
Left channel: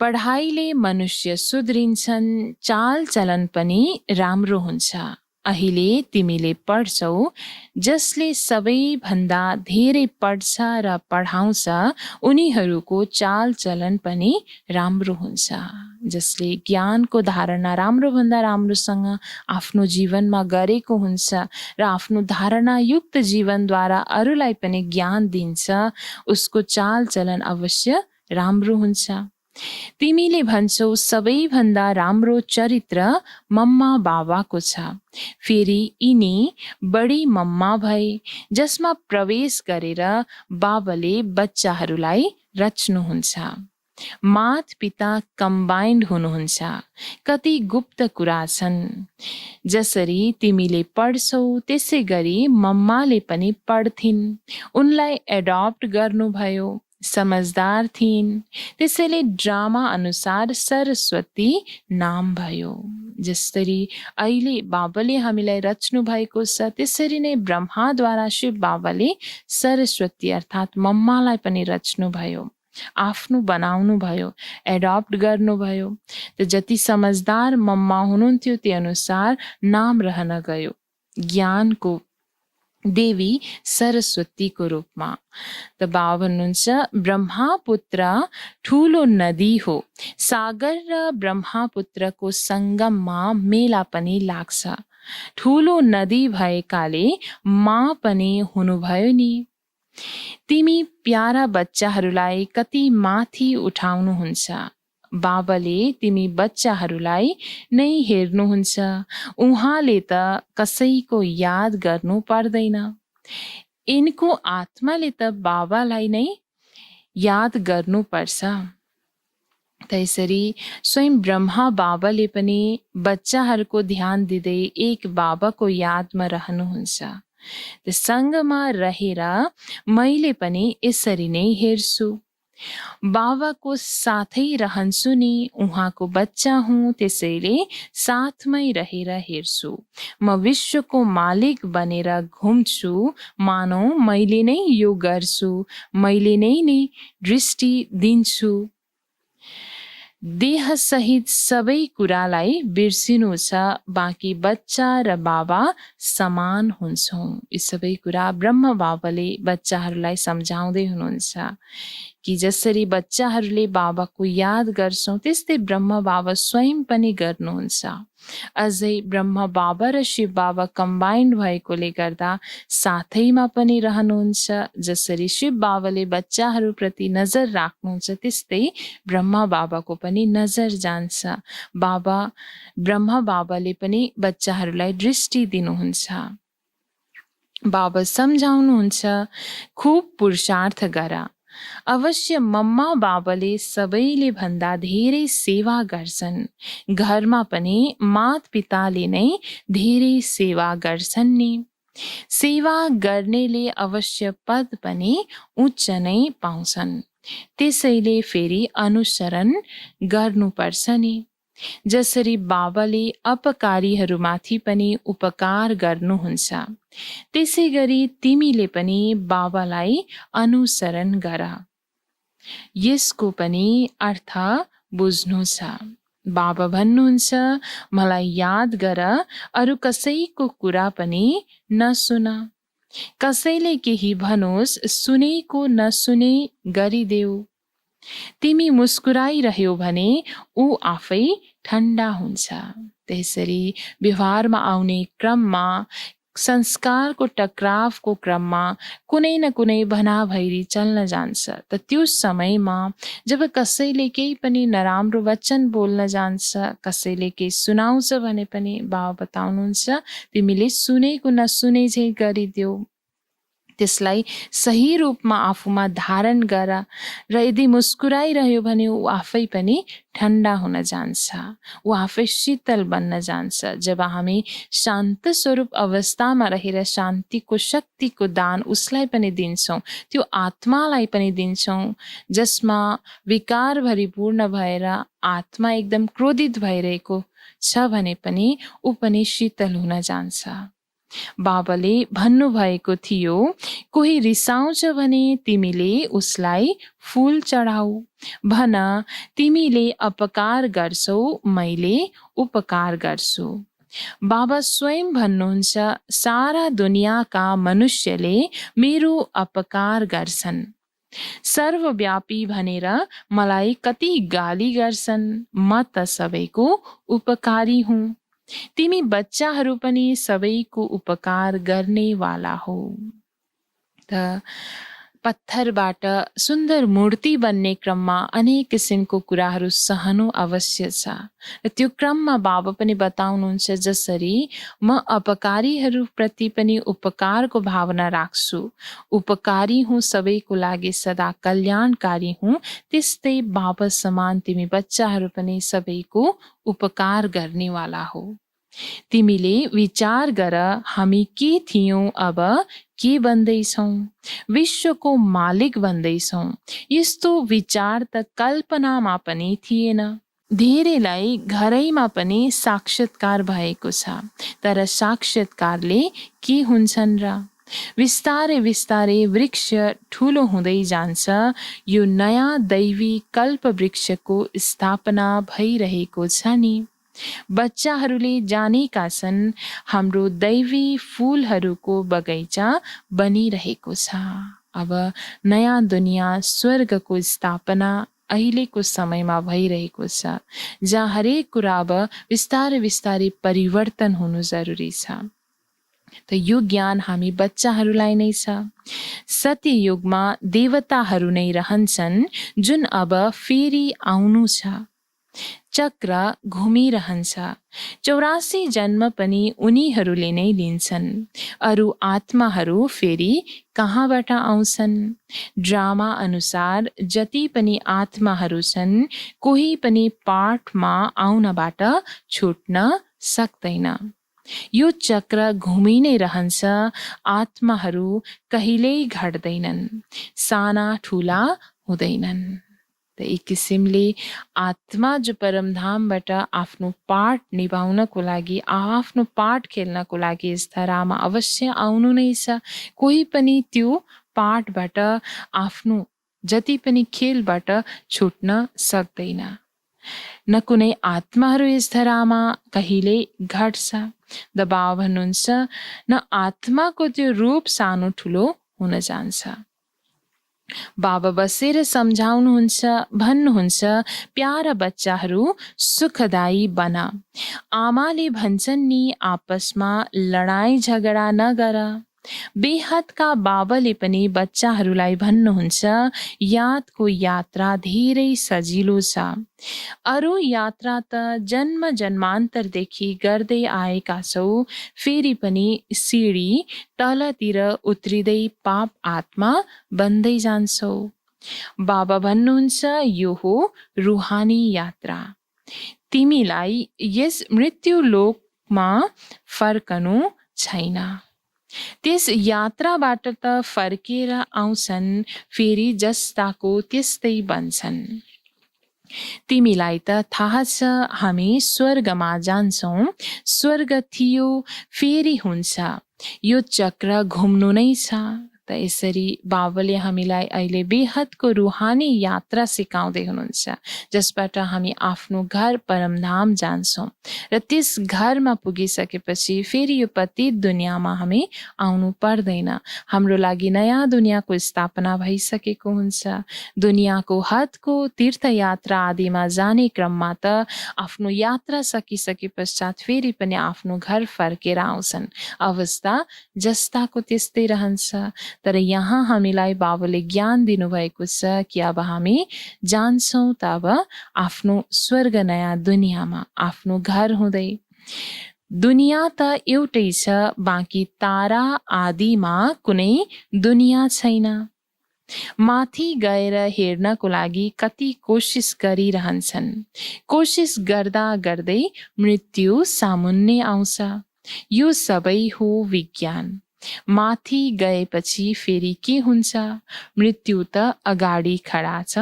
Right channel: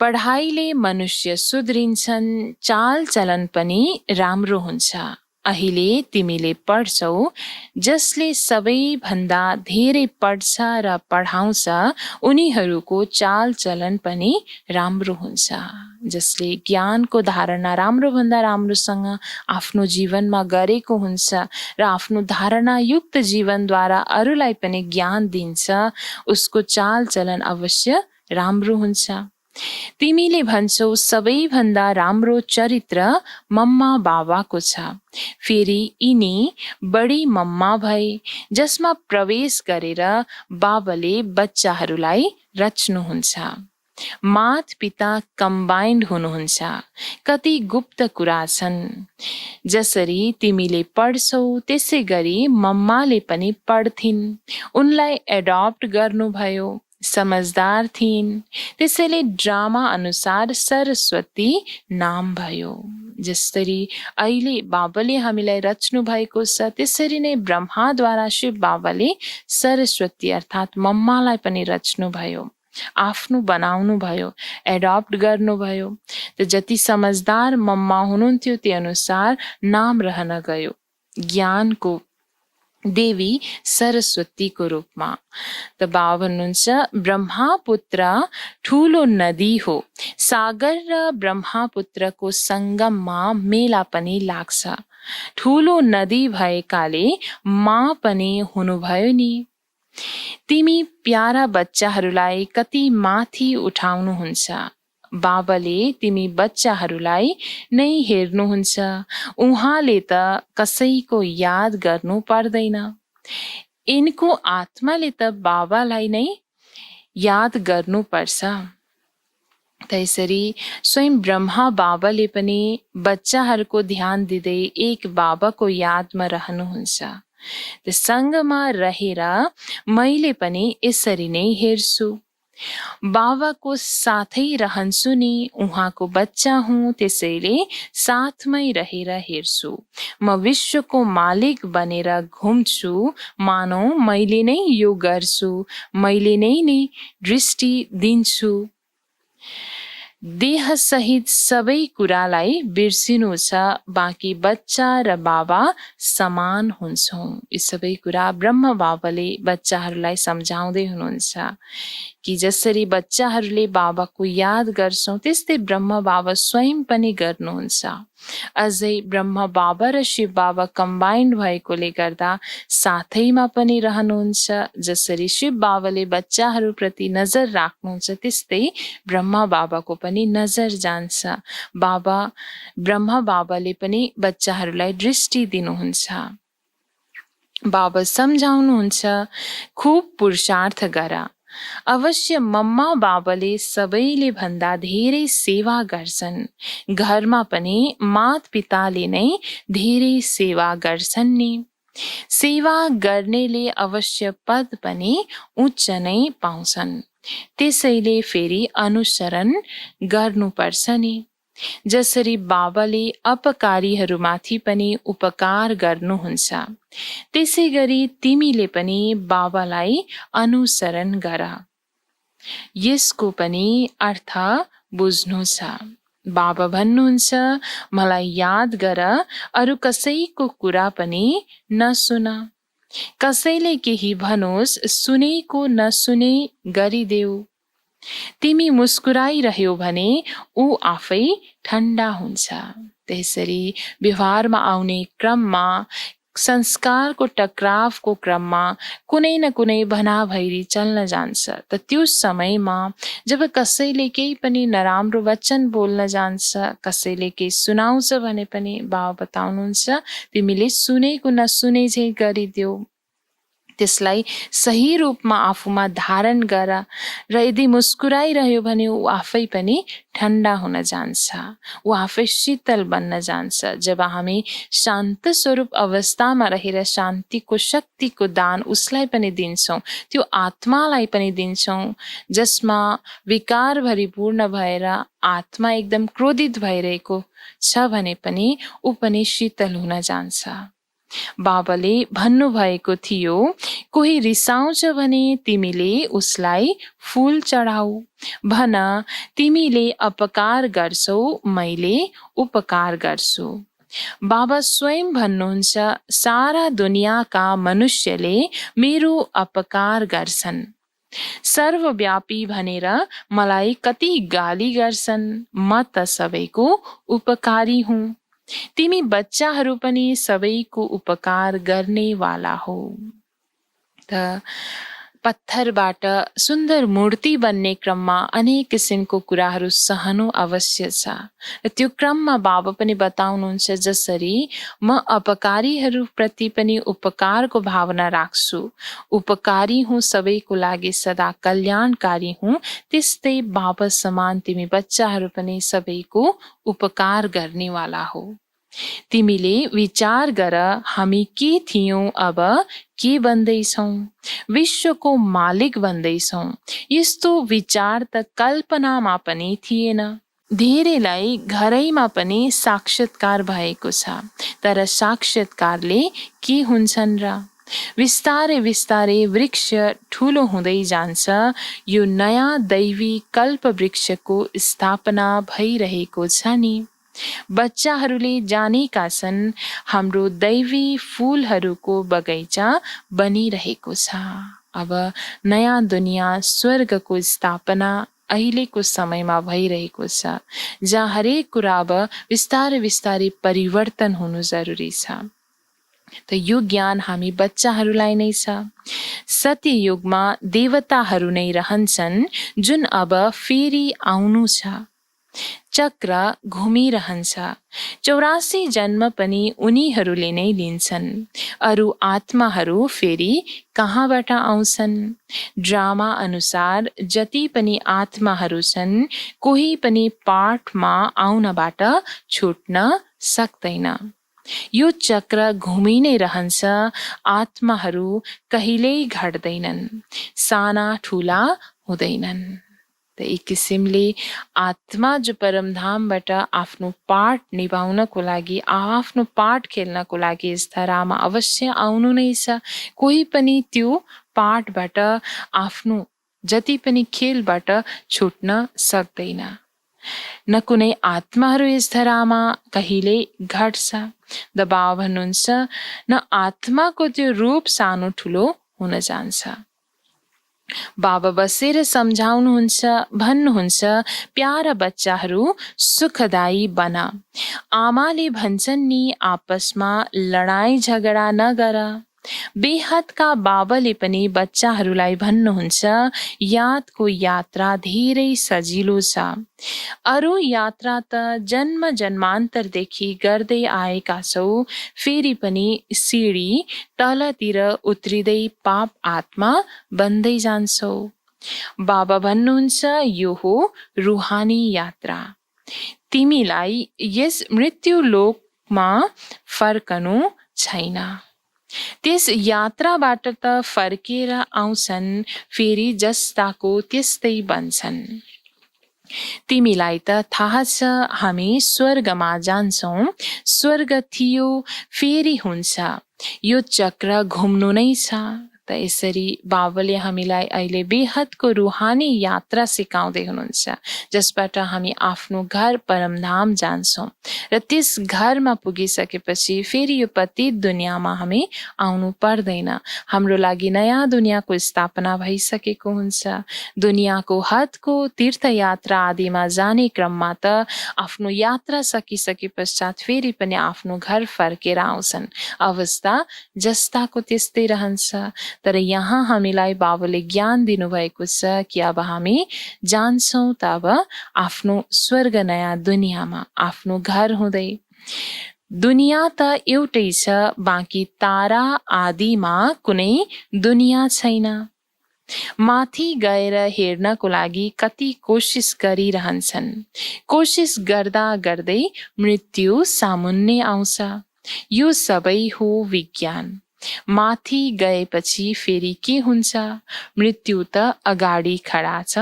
पढाइले मनुष्य सुध्रिन्छन्, चाल चलन पनि राम्रो हुन्छ। अहिले तिमीले पढ्छौ, जसले सबैभन्दा धेरै पढ्छ र पढाउँछ उनीहरूको चाल चलन पनि राम्रो हुन्छ। जसले ज्ञानको धारणा राम्रोभन्दा राम्रोसँग आफ्नो जीवनमा गरेको हुन्छ र आफ्नो धारणायुक्त जीवनद्वारा अरूलाई पनि ज्ञान दिन्छ, उसको चाल चलन अवश्य राम्रो हुन्छ। तिमीले भन्छौ सबैभन्दा राम्रो चरित्र मम्मा बाबाको छ। फेरि यिनी बढी मम्मा भए, जसमा प्रवेश गरेर बाबाले बच्चाहरूलाई रच्नुहुन्छ। मात पिता कम्बाइन्ड हुनुहुन्छ। कति गुप्त कुरा छन्। जसरी तिमीले पढ्छौ त्यसै गरी मम्माले पनि पढ्थिन्। उनलाई एडप्ट गर्नुभयो। समझदार थिइन्, त्यसैले ड्रामा अनुसार सरस्वती नाम भयो। जसरी अहिले बाबाले हामीलाई रच्नु भएको छ त्यसरी नै ब्रह्माद्वारा शिव बाबाले सरस्वती अर्थात् मम्मालाई पनि रच्नु भयो, आफ्नो बनाउनु भयो, एडप्ट गर्नुभयो। त जति समझदार मम्मा हुनुहुन्थ्यो त्यो अनुसार नाम रहन गयो ज्ञानको देवी सरस्वतीको रूपमा। त बाबा भन्नुहुन्छ ब्रह्मपुत्र ठुलो नदी हो। सागर र ब्रह्मपुत्रको सङ्गममा मेला पनि लाग्छ। ठुलो नदी भएकाले माँ पनि हुनुभयो नि। तिमी प्यारा बच्चाहरूलाई कति माथि उठाउनुहुन्छ। बाबाले तिमी बच्चाहरूलाई नै हेर्नुहुन्छ। उहाँले त कसैको याद गर्नु पर्दैन। यिनको आत्माले त बाबालाई नै याद गर्नुपर्छ। त्यसरी स्वयं ब्रह्मा बाबाले पनि बच्चाहरूको ध्यान दिँदै एक बाबाको यादमा रहनुहुन्छ। त्यो सँगमा रहेर मैले पनि यसरी नै हेर्छु। बाबाको साथै रहन्छु नि, उहाँको बच्चा हुँ, त्यसैले साथमै रहेर हेर्छु। म विश्वको मालिक बनेर घुम्छु, मानौ मैले नै यो गर्छु, मैले नै दृष्टि दिन्छु। देह सहित सबै कुरालाई बिर्सिनु छ, बाँकी बच्चा र बाबा समान हुन्छौँ। यी सबै कुरा ब्रह्म बाबाले बच्चाहरूलाई सम्झाउँदै हुनुहुन्छ कि जसरी बच्चाहरूले बाबाको याद गर्छौँ त्यस्तै ब्रह्म बाबा स्वयं पनि गर्नुहुन्छ। अझै ब्रह्म बाबा र शिव बाबा कम्बाइन्ड भएकोले गर्दा साथैमा पनि रहनुहुन्छ। जसरी शिव बाबाले बच्चाहरूप्रति नजर राख्नुहुन्छ त्यस्तै ब्रह्म बाबाको पनि नजर जान्छ। ब्रह्म बाबाले पनि बच्चाहरूलाई दृष्टि दिनुहुन्छ। बाबा सम्झाउनुहुन्छ, खुब पुरुषार्थ गर। अवश्य मम्मा बाबाले सबैले भन्दा धेरै सेवा गर्छन्। घरमा पनि मात पिताले नै धेरै सेवा गर्छन् नि। सेवा गर्नेले अवश्य पद पनि उच्च नै पाउँछन्। त्यसैले फेरि अनुसरण गर्नुपर्छ नि। जसरी बाबाले अपकारीहरूमाथि पनि उपकार गर्नुहुन्छ त्यसै गरी तिमीले पनि बाबालाई अनुसरण गर। यसको पनि अर्थ बुझ्नु छ। बाबा भन्नुहुन्छ, मलाई याद गर, अरू कसैको कुरा पनि नसुन। कसैले केही भनोस् सुनेको नसुने गरिदेऊ। तिमी मुस्कुराइरह्यौ भने ऊ आफै ठन्डा हुन्छ। त्यसरी व्यवहारमा आउने क्रममा, संस्कारको टकरावको क्रममा कुनै न कुनै भनाभैरी चल्न जान्छ। त त्यो समयमा जब कसैले केही पनि नराम्रो वचन बोल्न जान्छ, कसैले केही सुनाउँछ भने पनि बाबा बताउनुहुन्छ, तिमीले सुनेको नसुने झै गरिदेऊ। त्यसलाई सही रूपमा आफूमा धारण गर र यदि मुस्कुराइरह्यो भने ऊ आफै पनि ठन्डा हुन जान्छ, ऊ आफै शीतल बन्न जान्छ। जब हामी शान्त स्वरूप अवस्थामा रहेर शान्तिको शक्तिको दान उसलाई पनि दिन्छौँ, त्यो आत्मालाई पनि दिन्छौँ जसमा विकार भरिपूर्ण भएर आत्मा एकदम क्रोधित भइरहेको छ भने पनि ऊ पनि शीतल हुन जान्छ। बाबाले भन्नुभएको थियो, कोही रिसाउँछ भने तिमीले उसलाई फूल चढाऊ। भन, तिमीले अपकार गर्छौ, मैले उपकार गर्छु। बाबा स्वयं भन्नुहुन्छ, सारा दुनियाँका मनुष्यले मेरो अपकार गर्छन्। सर्वव्यापी भनेर मलाई कति गाली गर्छन्, म त सबैको उपकारी हुँ। तिमी बच्चाहरू पनि सबैको उपकार गर्नेवाला हो। त पत्थरबाट सुन्दर मूर्ति बन्ने क्रममा अनेक किसिमको कुराहरू सहनु अवश्य छ। र त्यो क्रममा बाबा पनि बताउनुहुन्छ, जसरी म अपकारीहरूप्रति पनि उपकारको भावना राख्छु, उपकारी हुँ, सबैको लागि सदा कल्याणकारी हुँ, त्यस्तै बाबा समान तिमी बच्चाहरू पनि सबैको उपकार गर्नेवाला हो। तिमीले विचार गर, हामी के थियौं, अब के बन्दैछौँ? विश्वको मालिक बन्दैछौँ। यस्तो विचार त कल्पनामा पनि थिएन। धेरैलाई घरैमा पनि साक्षात्कार भएको छ, तर साक्षात्कारले के हुन्छन् र? विस्तारै विस्तारै वृक्ष ठुलो हुँदै जान्छ। यो नयाँ दैवी कल्प वृक्षको स्थापना भइरहेको छ नि। बच्चाहरूले जानेका छन्, हाम्रो दैवी फूलहरूको बगैँचा बनिरहेको छ। अब नयाँ दुनियाँ स्वर्गको स्थापना अहिलेको समयमा भइरहेको छ, जहाँ हरेक कुरा अब विस्तारै विस्तारै परिवर्तन हुनु जरुरी छ। त यो ज्ञान हामी बच्चाहरूलाई नै छ। सत्ययुगमा देवताहरू नै रहन्छन्, जुन अब फेरि आउनु छ। चक्र घुमिरहन्छ। 84 जन्म पनि उनीहरूले नै लिन्छन्। अरू आत्माहरू फेरि कहाँबाट आउँछन्? ड्रामा अनुसार जति पनि आत्माहरू छन्, कोही पनि पाठमा आउनबाट छुट्न सक्दैन। यो चक्र घुमि नै रहन्छ। आत्माहरू कहिल्यै घट्दैनन्, साना ठुला हुँदैनन्। त एक किसिमले आत्मा जो परमधामबाट आफ्नो पाठ निभाउनको लागि, आफ्नो पाठ खेल्नको लागि यस धरामा अवश्य आउनु नै छ। कोही पनि त्यो पाठबाट, आफ्नो जति पनि खेलबाट छुट्न सक्दैन। न कुनै आत्माहरू यस धरामा कहिल्यै घट्छ। दबाव भन्नुहुन्छ, न आत्माको त्यो रूप सानो ठुलो हुन जान्छ। बाबा बसेर सम्झाउनुहुन्छ, भन्नुहुन्छ, प्यारा बच्चाहरू सुखदायी बना। आमाले भन्छन् नि, आपसमा लडाई झगडा नगर। बेहदका बाबाले पनि बच्चाहरूलाई भन्नुहुन्छ, यादको यात्रा धेरै सजिलो छ। अरू यात्रा त जन्म जन्मान्तरदेखि गर्दै आएका छौ, फेरि पनि सिडी तलतिर उत्रिँदै पाप आत्मा बन्दै जान्छौ। बाबा भन्नुहुन्छ, यो हो रुहानी यात्रा। तिमीलाई यस मृत्युलोकमा फर्कनु छैन। त्यस यात्राबाट त फर्केर आउँछन्, फेरि जस्ताको त्यस्तै बन्छन्। तिमीलाई त थाहा छ, हामी स्वर्गमा जान्छौँ। स्वर्ग थियो, फेरि हुन्छ। यो चक्र घुम्नु नै छ। त यसरी बाबाले हामीलाई अहिले बेहदको रुहानी यात्रा सिकाउँदै हुनुहुन्छ, जसबाट हामी आफ्नो घर परमधाम जान्छौँ। र त्यस घरमा पुगिसकेपछि फेरि यो पतित दुनियाँमा हामी आउनु पर्दैन। हाम्रो लागि नयाँ दुनियाँको स्थापना भइसकेको हुन्छ। दुनियाँको हदको तीर्थयात्रा आदिमा जाने क्रममा त आफ्नो यात्रा सकिसके पश्चात फेरि पनि आफ्नो घर फर्केर आउँछन्। अवस्था जस्ताको त्यस्तै रहन्छ। तर यहाँ हामीलाई बाबाले ज्ञान दिनुभएको छ कि अब हामी जान्छौँ त अब आफ्नो स्वर्ग नयाँ दुनियाँमा, आफ्नो घर हुँदै। दुनियाँ त एउटै छ, बाँकी तारा आदिमा कुनै दुनियाँ छैन। माथि गएर हेर्नको लागि कति कोसिस गरिरहन्छन्। कोसिस गर्दा गर्दै मृत्यु सामुन्ने आउँछ। यो सबै हो विज्ञान। माथि गएपछि फेरि के हुन्छ? मृत्यु त अगाडि खडा छ।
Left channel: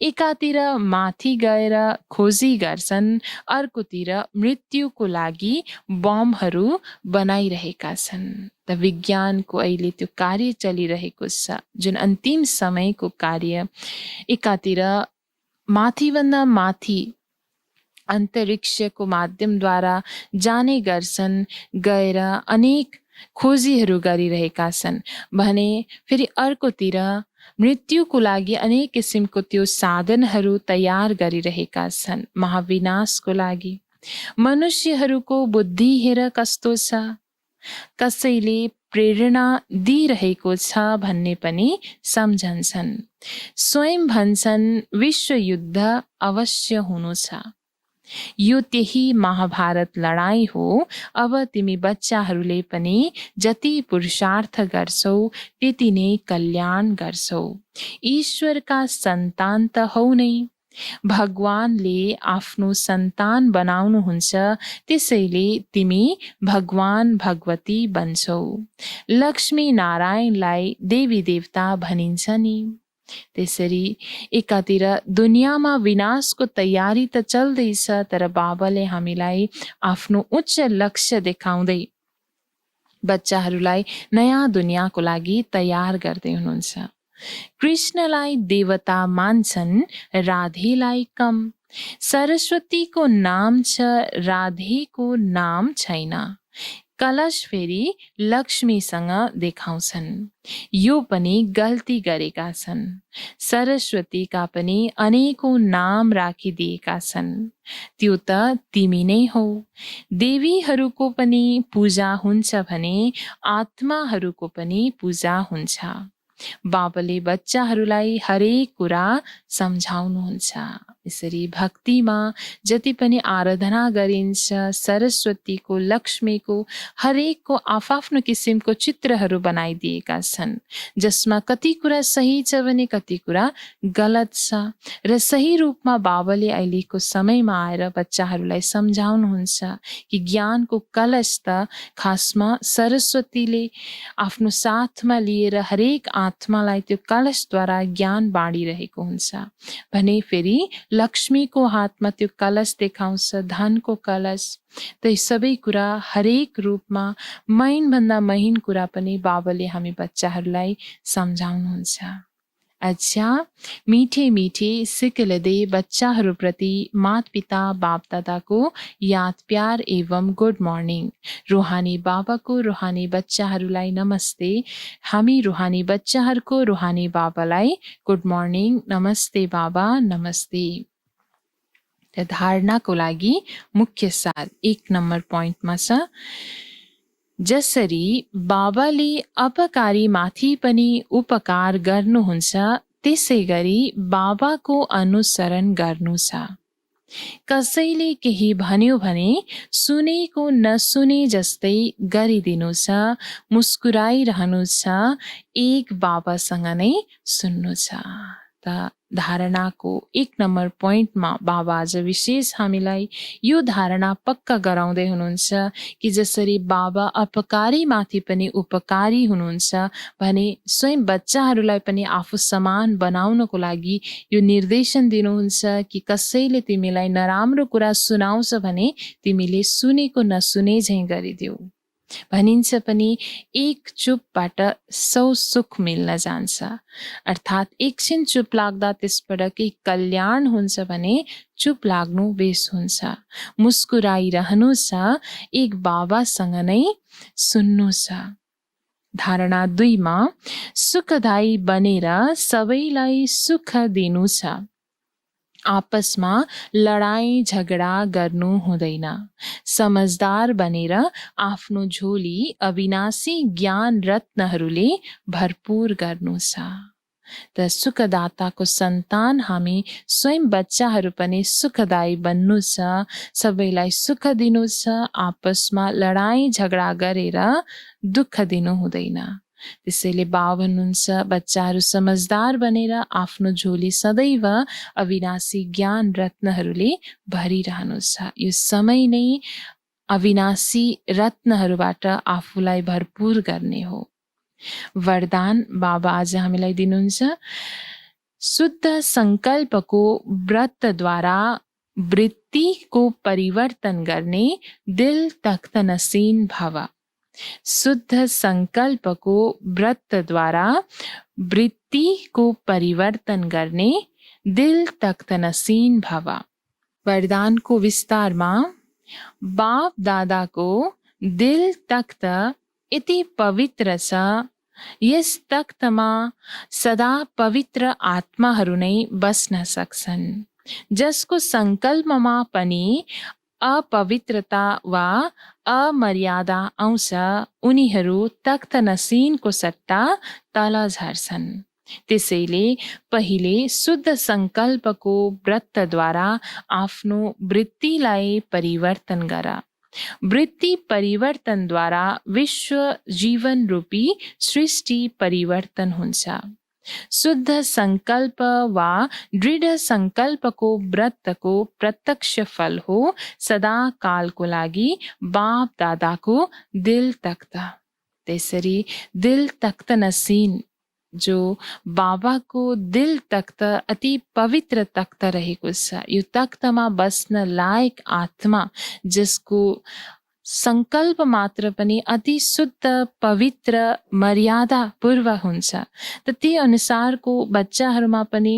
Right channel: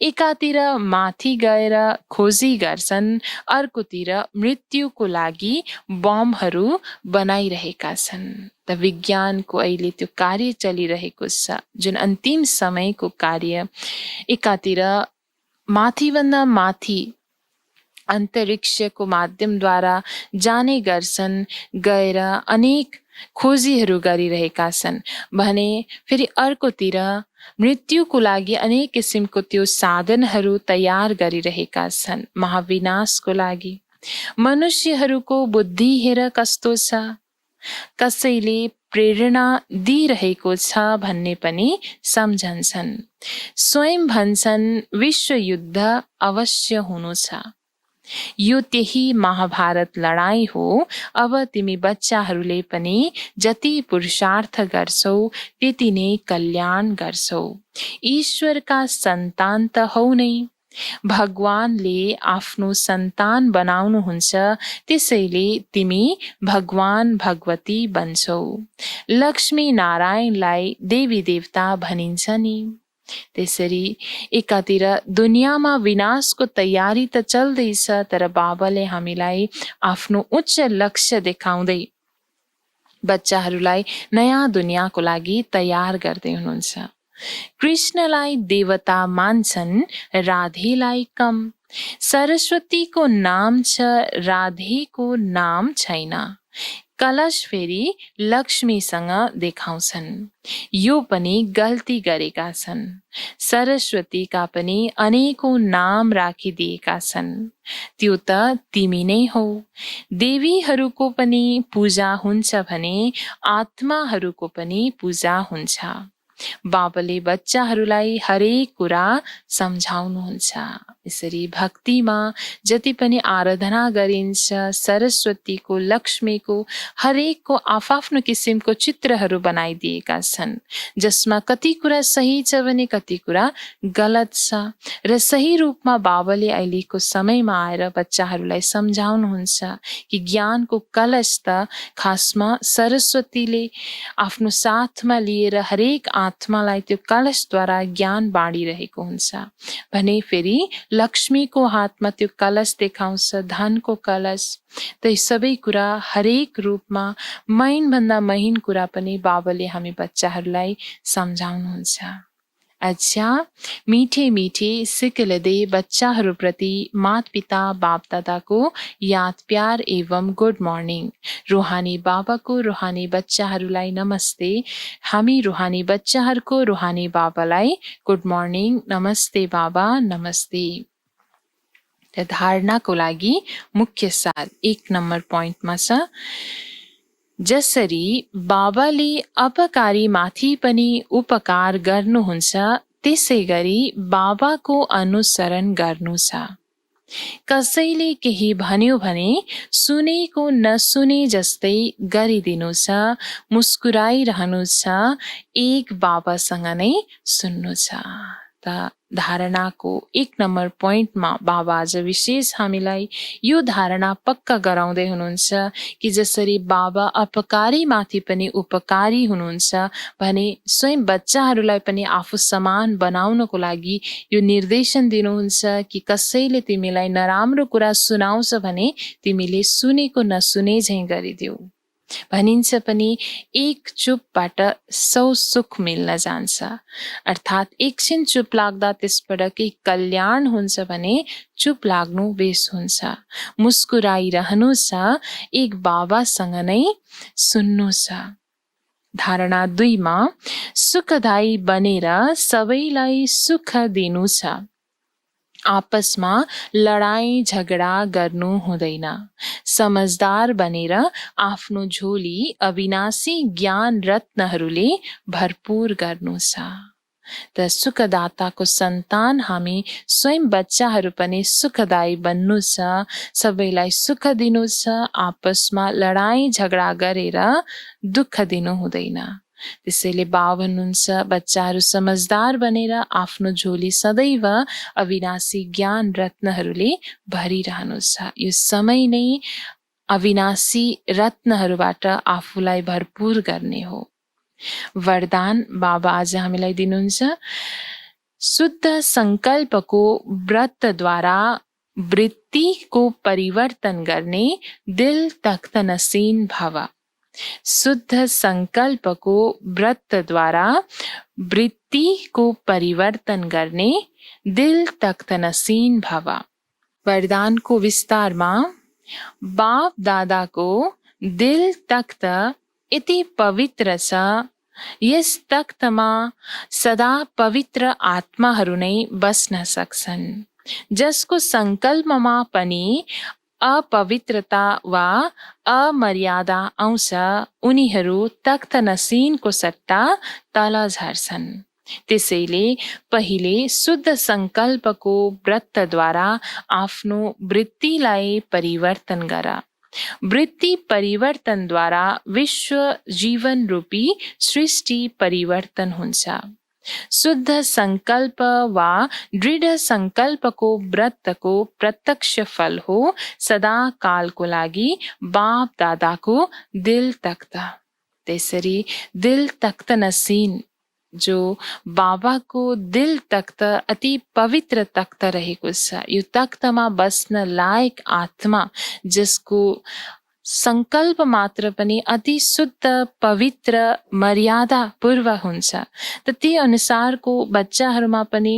एकातिर माथि गएर खोजी गर्छन्, अर्कोतिर मृत्युको लागि बमहरू बनाइरहेका छन्। त विज्ञानको अहिले त्यो कार्य चलिरहेको छ, जुन अन्तिम समयको कार्य। एकातिर माथिभन्दा माथि अन्तरिक्षको माध्यमद्वारा जाने गर्छन्, गएर अनेक खोजीहरू गरिरहेका छन् भने फेरि अर्कोतिर मृत्युको लागि अनेक किसिमको त्यो साधनहरू तयार गरिरहेका छन् महाविनाशको लागि। मनुष्यहरूको बुद्धि हेर कस्तो छ। कसैले प्रेरणा दिइरहेको छ भन्ने पनि सम्झन्छन्। स्वयं भन्छन् विश्वयुद्ध अवश्य हुनु छ। यो त्यही महाभारत लडाईँ हो। अब तिमी बच्चाहरूले पनि जति पुरुषार्थ गर्छौ त्यति नै कल्याण गर्छौ। ईश्वरका सन्तान त हौ नै। भगवानले आफ्नो सन्तान बनाउनुहुन्छ, त्यसैले तिमी भगवान भगवती बन्छौ। लक्ष्मी नारायणलाई देवी देवता भनिन्छ नि। त्यसरी एकातिर दुनियाँमा विनाशको तयारी त चल्दैछ, तर बाबाले हामीलाई आफ्नो उच्च लक्ष्य देखाउँदै बच्चाहरूलाई नयाँ दुनियाँको लागि तयार गर्दै हुनुहुन्छ। कृष्णलाई देवता मान्छन्, राधेलाई कम। सरस्वतीको नाम छ, राधेको नाम छैन। कलश फेरि लक्ष्मीसँग देखाउँछन्। यो पनि गल्ती गरेका छन्। सरस्वतीका पनि अनेकौं नाम राखिदिएका छन्। त्यो त तिमी नै हौ। देवीहरूको पनि पूजा हुन्छ भने आत्माहरूको पनि पूजा हुन्छ। बाबाले बच्चाहरूलाई हरेक कुरा सम्झाउनुहुन्छ। यसरी भक्तिमा जति पनि आराधना गरिन्छ, सरस्वतीको, लक्ष्मीको हरेकको आफआफ्नो किसिमको चित्रहरू बनाइदिएका छन्, जसमा कति कुरा सही छ भने कति कुरा गलत छ। र सही रूपमा बाबाले अहिलेको समयमा आएर बच्चाहरूलाई सम्झाउनुहुन्छ कि ज्ञानको कलश त खासमा सरस्वतीले आफ्नो साथमा लिएर हरेक आत्मालाई त्यो कलशद्वारा ज्ञान बाँडिरहेको हुन्छ भने फेरि लक्ष्मीको हातमा त्यो कलश देखाउँछ, धनको कलश। त सबै कुरा हरेक रूपमा मैनभन्दा मैन कुरा पनि बाबाले हामी बच्चाहरूलाई सम्झाउनुहुन्छ। अच्छा, मीठे मीठे सिक्किलदै बच्चाहरूप्रति माता पिता बाप दादाको याद प्यार एवं गुड मर्निङ। रूहानी बाबाको रूहानी बच्चाहरूलाई नमस्ते। हामी रूहानी बच्चाहरूको रूहानी बाबालाई गुड मर्निङ, नमस्ते बाबा, नमस्ते। धारणाको लागि मुख्य सार 1 नम्बर पोइन्टमा छ, जसरी बाबाले अपकारी माथि पनि उपकार गर्नुहुन्छ, त्यसै गरी बाबाको अनुसरण गर्नु छ। कसैले केही भन्यो भने सुनेको नसुने जस्तै गरिदिनु छ, मुस्कुराइरहनु छ, एक बाबासँग नै सुन्नु छ। त धारणाको 1 नम्बर पोइन्टमा बाबा आज विशेष हामीलाई यो धारणा पक्का गराउँदै हुनुहुन्छ कि जसरी बाबा अपकारी माथि पनि उपकारी हुनुहुन्छ भने स्वयं बच्चाहरूलाई पनि आफू समान बनाउनको लागि यो निर्देशन दिनुहुन्छ कि कसैले तिमीलाई नराम्रो कुरा सुनाउँछ भने तिमीले सुनेको नसुने झैं गरिदेऊ। भनिन्छ पनि एक चुपबाट 100 सुख मिल्न जान्छ। अर्थात् एकछिन चुप लाग्दा त्यसबाट केही कल्याण हुन्छ भने चुप लाग्नु बेस हुन्छ। मुस्कुराइरहनु छ, एक बाबासँग नै सुन्नु छ। धारणा 2 मा सुखदायी बनेर सबैलाई सुख दिनु छ। आपसमा लडाई झगडा गर्नु हुँदैन। समझदार बनेर आफ्नो झोली अविनाशी ज्ञान रत्नहरूले भरपूर गर्नु छ। त सुखदाताको सन्तान हामी स्वयं बच्चाहरू पनि सुखदायी बन्नु छ, सबैलाई सुख दिनु छ, आपसमा लडाई झगडा गरेर दुःख दिनु हुँदैन। त्यसैले बाबा भन्नुहुन्छ बच्चाहरू समझदार बनेर आफ्नो झोली सदैव अविनाशी ज्ञान रत्नहरूले भरिरहनु छ। यो समय नै अविनाशी रत्नहरूबाट आफूलाई भरपूर गर्ने हो। वरदान बाबा आज हामीलाई दिनुहुन्छ, शुद्ध संकल्पको व्रतद्वारा वृत्तिको परिवर्तन गर्ने दिल तख्त नसीन भव। शुद्ध संकल्पको व्रतद्वारा वृत्तिको परिवर्तन गर्ने दिल तख्त नसीन भव। वरदानको विस्तारमा बाप दादाको दिल तख्त यति पवित्र छ, यस तख्तमा सदा पवित्र आत्माहरू नै बस्न सक्छन्, जसको संकल्पमा पनि अपवित्रता वा अमर्यादा आउँछ उनीहरू तख्त नसीनको सट्टा तल झर्छन्। त्यसैले पहिले शुद्ध संकल्पको व्रतद्वारा आफ्नो वृत्तिलाई परिवर्तन गर। वृत्ति परिवर्तनद्वारा विश्व जीवन रूपी सृष्टि परिवर्तन हुन्छ। शुद्ध संकल्प वा दृढ संकल्पको व्रतको प्रत्यक्ष फल हो सदा कालको लागि बाप दादाको दिल तख्त। त्यसरी दिल तख्त नसीन जो बाबाको दिल तख्त अति पवित्र तख्त रहेको छ। यो तख्तमा बस्न लायक आत्मा जसको संकल्प मात्र पनि अति शुद्ध पवित्र मर्यादा पूर्व हुन्छ। त त्यही अनुसारको बच्चाहरूमा पनि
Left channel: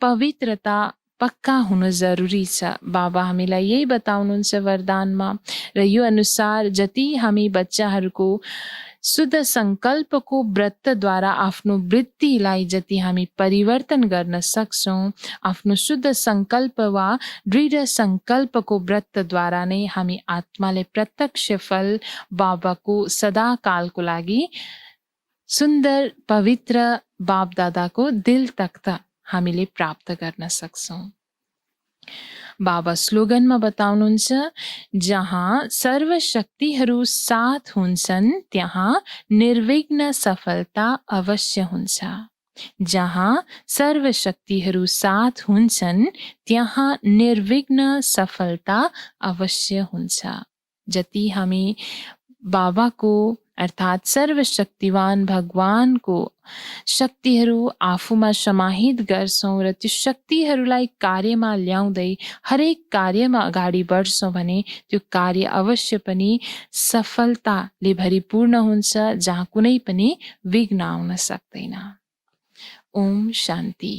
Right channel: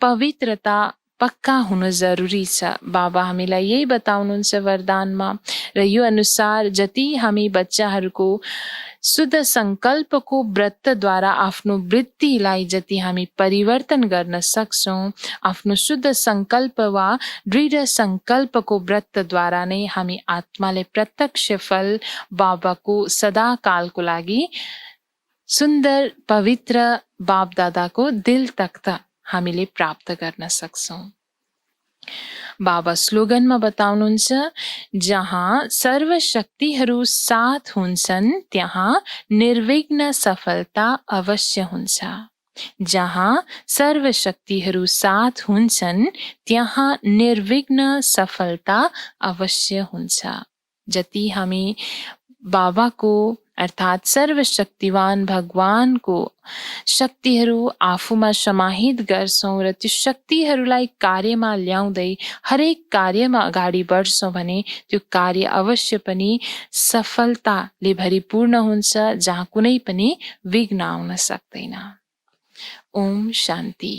पवित्रता पक्का हुनु जरुरी छ। बाबा हामीलाई यही बताउनुहुन्छ वरदानमा र यो अनुसार जति हामी बच्चाहरूको शुद्ध संकल्पको व्रतद्वारा आफ्नो वृत्तिलाई जति हामी परिवर्तन गर्न सक्छौँ, आफ्नो शुद्ध संकल्प वा दृढ संकल्पको व्रतद्वारा नै हामी आत्माले प्रत्यक्ष फल बाबाको सदा कालको लागि सुन्दर पवित्र बाप दादाको दिल तख्त हामीले प्राप्त गर्न सक्छौँ। बाबा स्लोगनमा बताउनुहुन्छ, जहाँ सर्वशक्तिहरू साथ हुन्छन् त्यहाँ निर्विघ्न सफलता अवश्य हुन्छ। जहाँ सर्वशक्तिहरू साथ हुन्छन् त्यहाँ निर्विघ्न सफलता अवश्य हुन्छ। जति हामी बाबाको अर्थात् सर्वशक्तिवान भगवानको शक्तिहरू आफूमा समाहित गर्छौँ र त्यो शक्तिहरूलाई कार्यमा ल्याउँदै हरेक कार्यमा अगाडि बढ्छौँ भने त्यो कार्य अवश्य पनि सफलताले भरिपूर्ण हुन्छ, जहाँ कुनै पनि विघ्न आउन सक्दैन। ओम शान्ति।